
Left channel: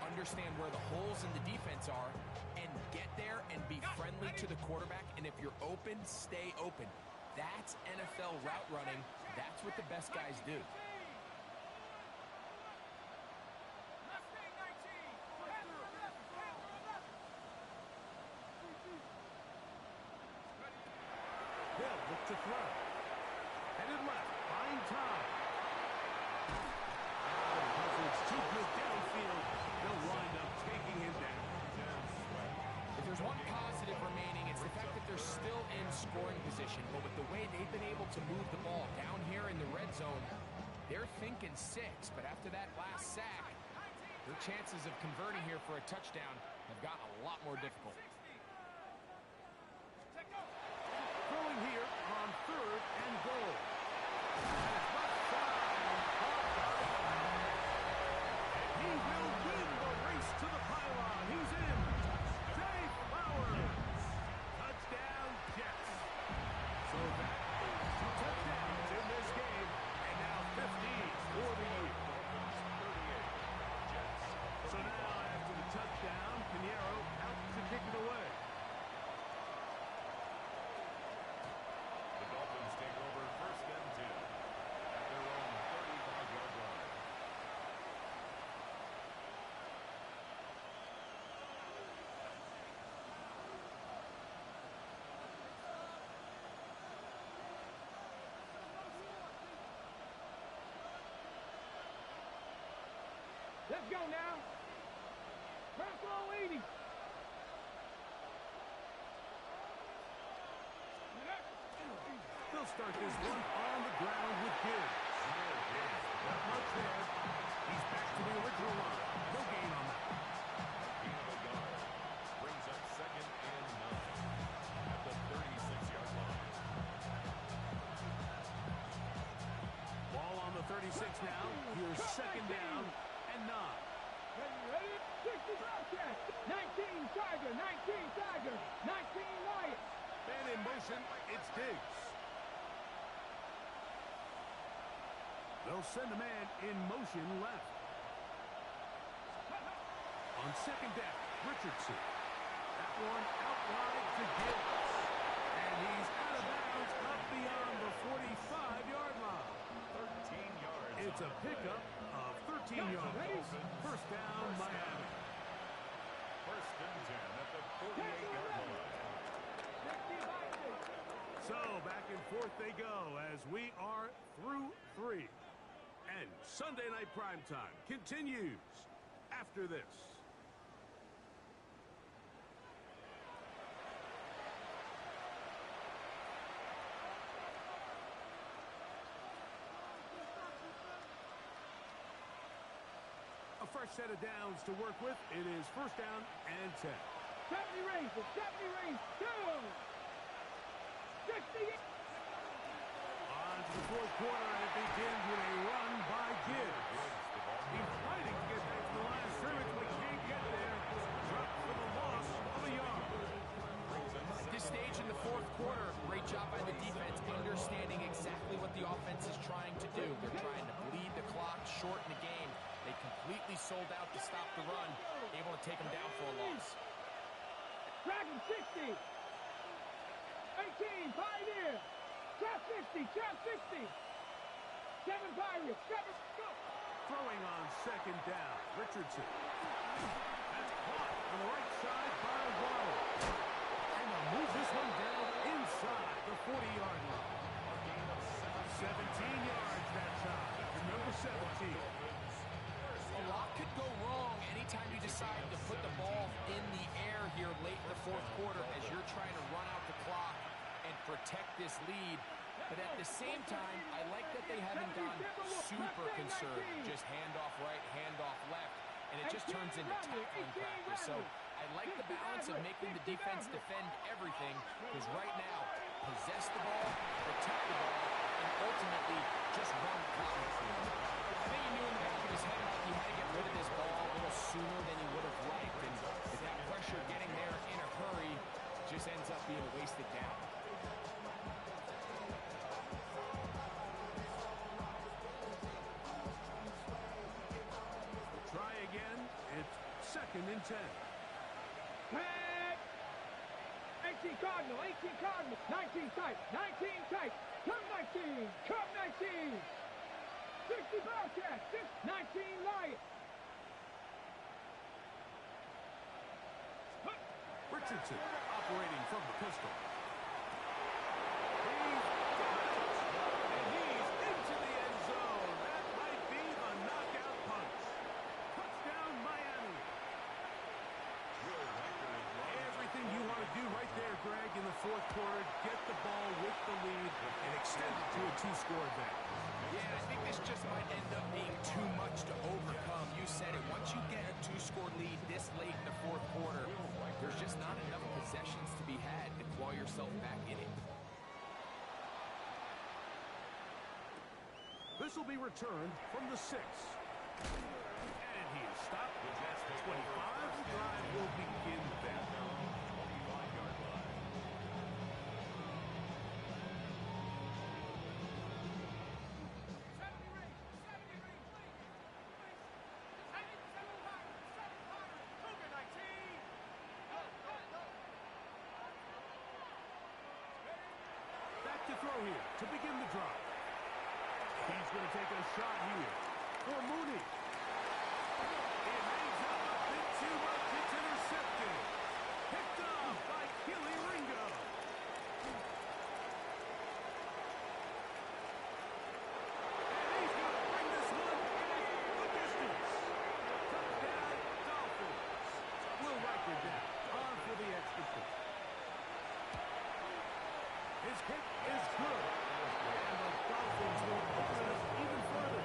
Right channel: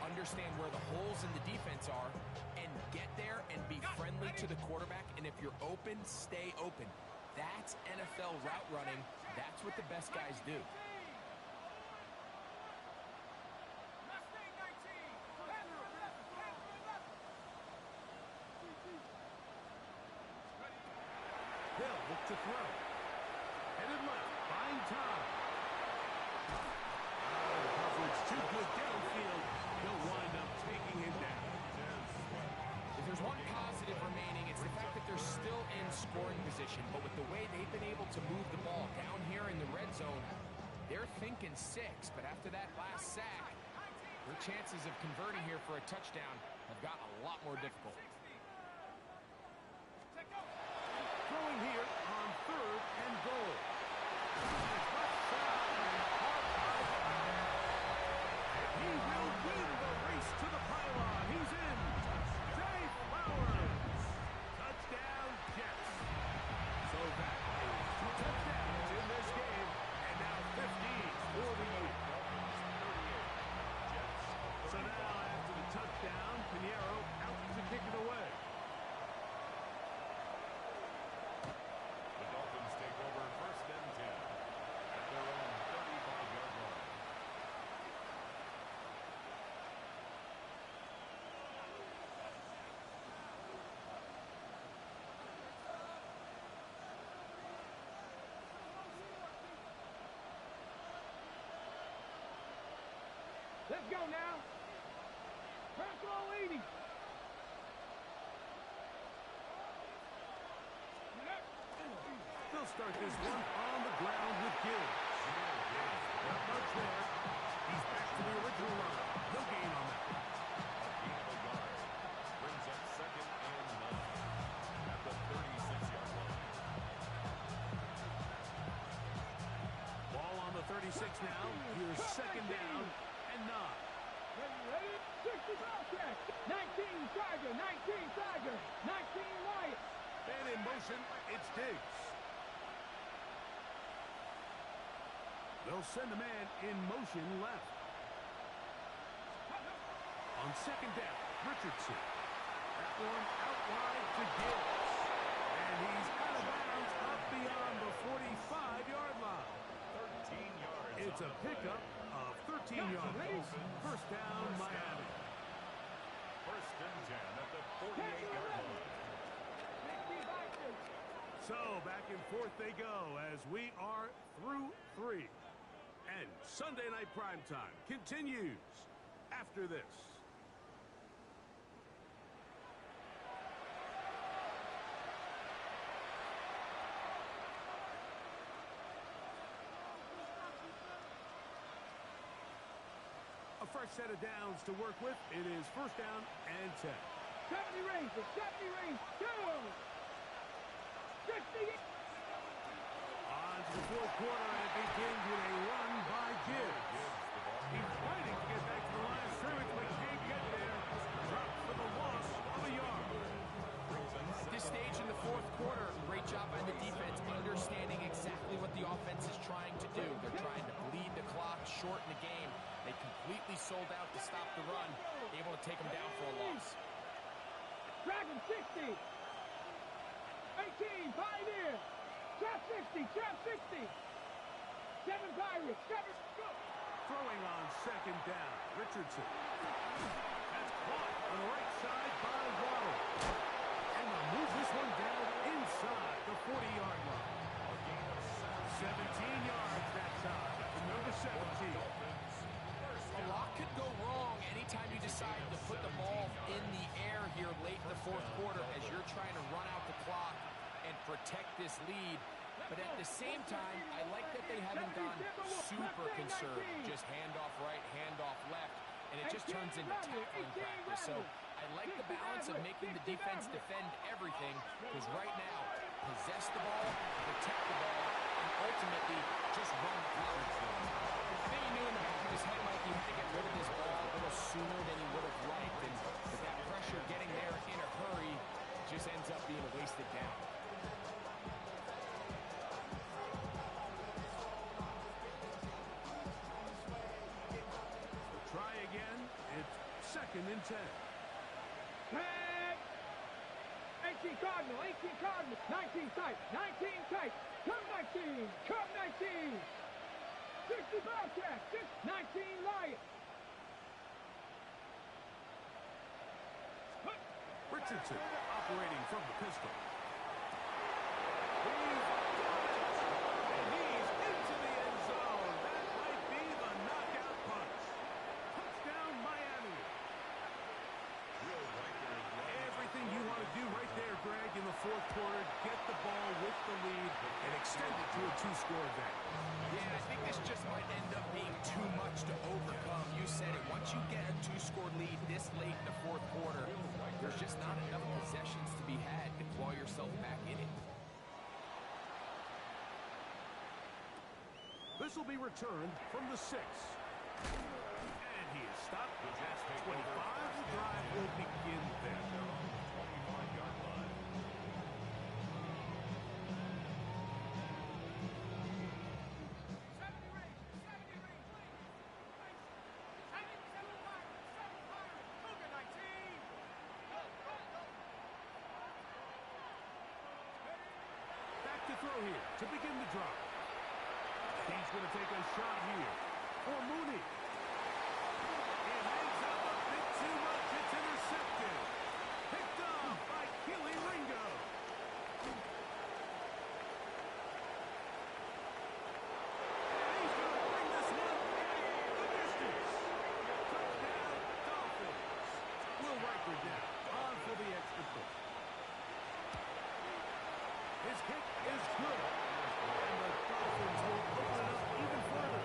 understand where the holes in the defense are, and get there and be friendly to the quarterback. And if you're open, stay open. That's NFL route running. That's what the best guys do. Mustang 19. Head for 11, head for 11. They'll look to throw. Headed left, find time. Coverage too good downfield. They'll wind up taking him down. If there's one positive remaining, it's the fact that they're still in scoring position. But with the way they've been able to move the ball down here in the red zone, they're thinking 6. But after that last sack, their chances of converting here for a touchdown have gotten a lot more difficult. Throwing here on 3rd and goal. And it's left side. Caught by and he will win the race to the pylon. He's in. Zay Flowers. Touchdown, Jets. So that is 2 touchdowns in this game. And now 15 for the year. So now after the touchdown, Pinheiro out to kick it away. The Dolphins take over 1st and 10 at their own 35-yard line. Let's go now. Bronco 80. They'll start this one on the ground with Gibbs. Not much there. He's back to the original line. No gain on that. A gain of a yard brings up 2nd and 9 at the 36-yard line. Ball on the 36 now. Here's 2nd down and 9. Ready? 60 Bobcat. 19 Tiger. 19 Tiger. 19 Lion. And in motion, it's Diggs. They'll send a man in motion left. On 2nd down, Richardson. That one out wide to Gibbs. And he's out of bounds up beyond the 45-yard line. 13 yards. It's a pickup of 13 yards. 1st down, Miami. 1st and 10 at the 48-yard line. So back and forth they go as we are through 3. And Sunday Night Primetime continues after this. A fresh set of downs to work with. It is 1st down and 10. 70 Rangers. 70 Rangers. 2. 60. On to the 4th quarter, and it begins with a run by Gibbs. He's fighting to get back to the line of scrimmage, but can't get there. Dropped for the loss of a yard. I this stage in the fourth quarter, great job by the defense, understanding exactly what the offense is trying to do. They're trying to bleed the clock, shorten the game. They completely sold out to stop the run, able to take them down for a loss. Dragon 60. 18, Pioneer. Trap 60, Trap 60. 7 Pirates, 7, go. Throwing on second down, Richardson. That's caught on the right side by Waddle. And they'll move this one down inside the 40-yard line. A gain of 17 yards that time for number 17. A lot could go wrong anytime you decide to put the ball in the air here late in the fourth quarter as you're trying to run out the clock and protect this lead. But at the same time, I like that they haven't gone super conservative. Just handoff right, handoff left, and it just turns into tackling practice. So I like the balance of making the defense defend everything, because right now, possess the ball, protect the ball, and ultimately just run the clock. I think he knew in the back of his head, Mike, he had to get rid of this ball a little sooner than he would have liked. And with that pressure getting there in a hurry, just ends up being a wasted down. Try again. It's 2nd and 10. Tag. 18 Cardinal, 18 Cardinal. 19 tight, 19 tight. Come 19, come 19. 60 Bobcat, 19 Lion. Richardson operating from the pistol. He's got it! And he's into the end zone. That might be the knockout punch. Touchdown, Miami. Everything you want to do right there, Greg, in the fourth quarter. Get the ball with the lead and extend it to a 2-score advantage. Yeah, I think this just might end up being too much to overcome. You said it. Once you get a 2-score lead this late in the fourth quarter, there's just not enough possessions to be had to claw yourself back in it. This will be returned from the 6. And he is stopped at 25. The drive will begin then. At their own 25-yard line. Back to throw here to begin the drive. He's going to take a shot here for Mooney. It hangs up a bit too much. It's intercepted. Picked up by Keely Ringo. And he's going to bring this one the distance. Touchdown, Dolphins. Will Riker down on for the extra point. His kick is good. And the Dolphins will open it up even further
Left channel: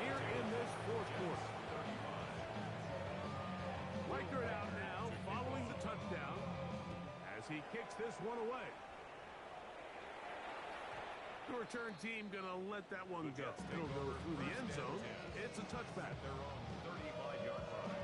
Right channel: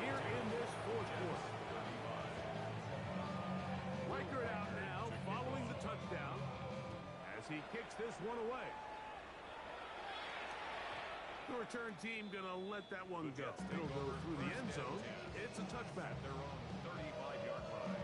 here in this fourth quarter. Riker out now following the touchdown as he kicks this one away. The return team going to let that one go. It'll go through the end zone. It's a touchback. Their own 35-yard line.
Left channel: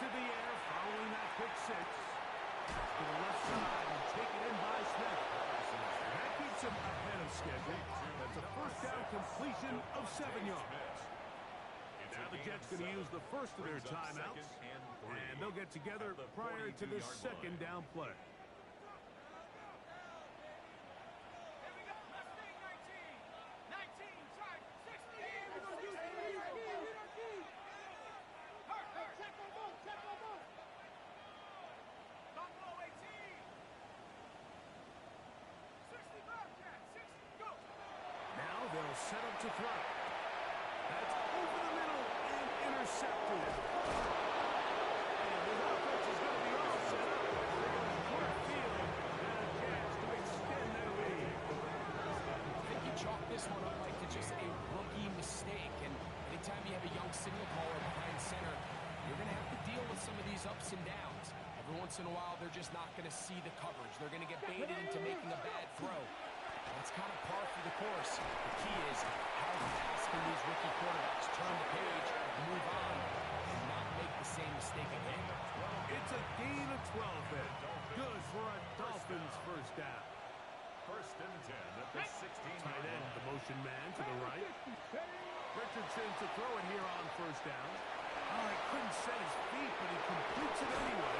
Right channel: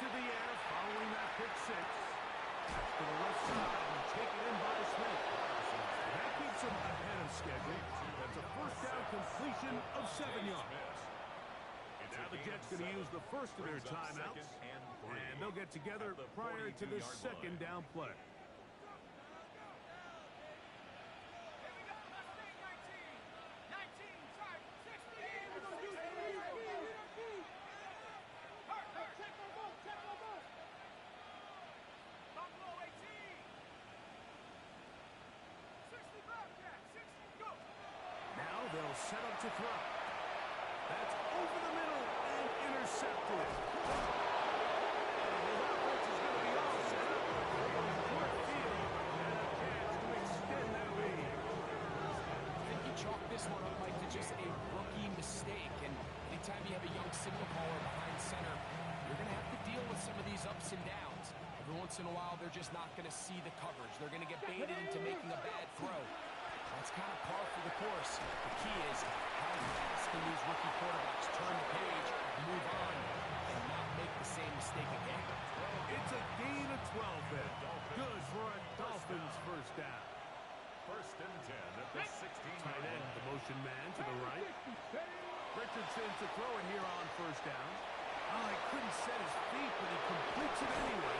To the air following that pick 6. That's to the left side and taken in by Smith. And that keeps him ahead of schedule. That's a first down completion of 7 yards. Now the Jets going to use the first of their timeouts. And they'll get together prior to this second down play. Now they'll set up to throw. That's over the middle and intercepted. And his offense is going to be all set up. They're going short field. And a this one up, Mike, to just a rookie mistake. And anytime you have a young signal caller behind center, you're going to have to deal with some of these ups and downs. Every once in a while, they're just not going to see the coverage. They're going to get baited into making a bad throw. That's kind of par for the course. The key is how fast can these rookie quarterbacks turn the page, move on, and not make the same mistake again. It's a gain of 12 then. Good for a Dolphins first down. First and 10 at the 16. Tight end, the motion man to the right. Richardson to throw it here on first down. Oh, he couldn't set his feet, but he completes it anyway.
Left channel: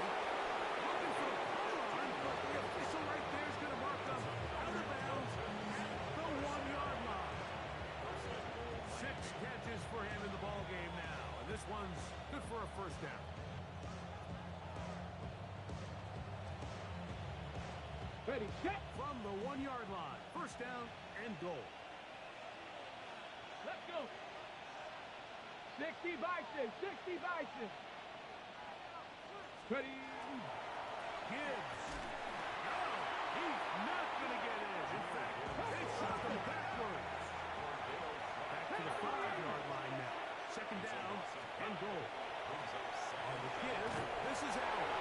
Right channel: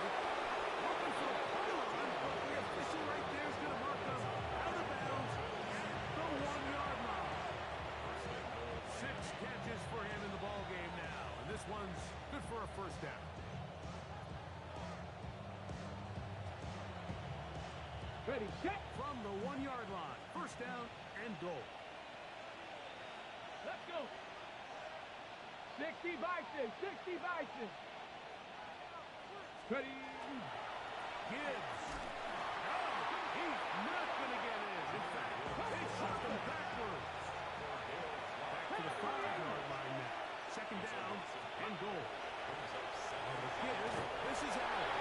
Looking for a pylon, but the official right there is going to mark him out of bounds at the 1-yard line. 6 catches for him in the ball game now, and this one's good for a first down. Ready, set. From the 1-yard line, first down and goal. Let's go. 60 Bison, 60 Bison. Ready. Gibbs. No, he's not going to get in. In fact, they shot him backwards. Back to the 5-yard line now. Second down and goal. On the give, this is Allen.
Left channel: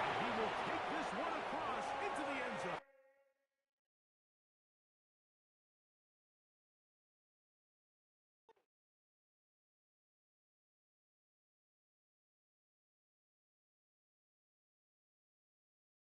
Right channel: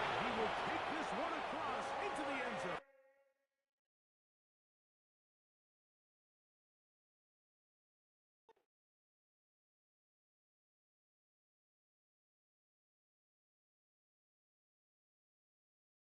And he will take this one across into the end zone.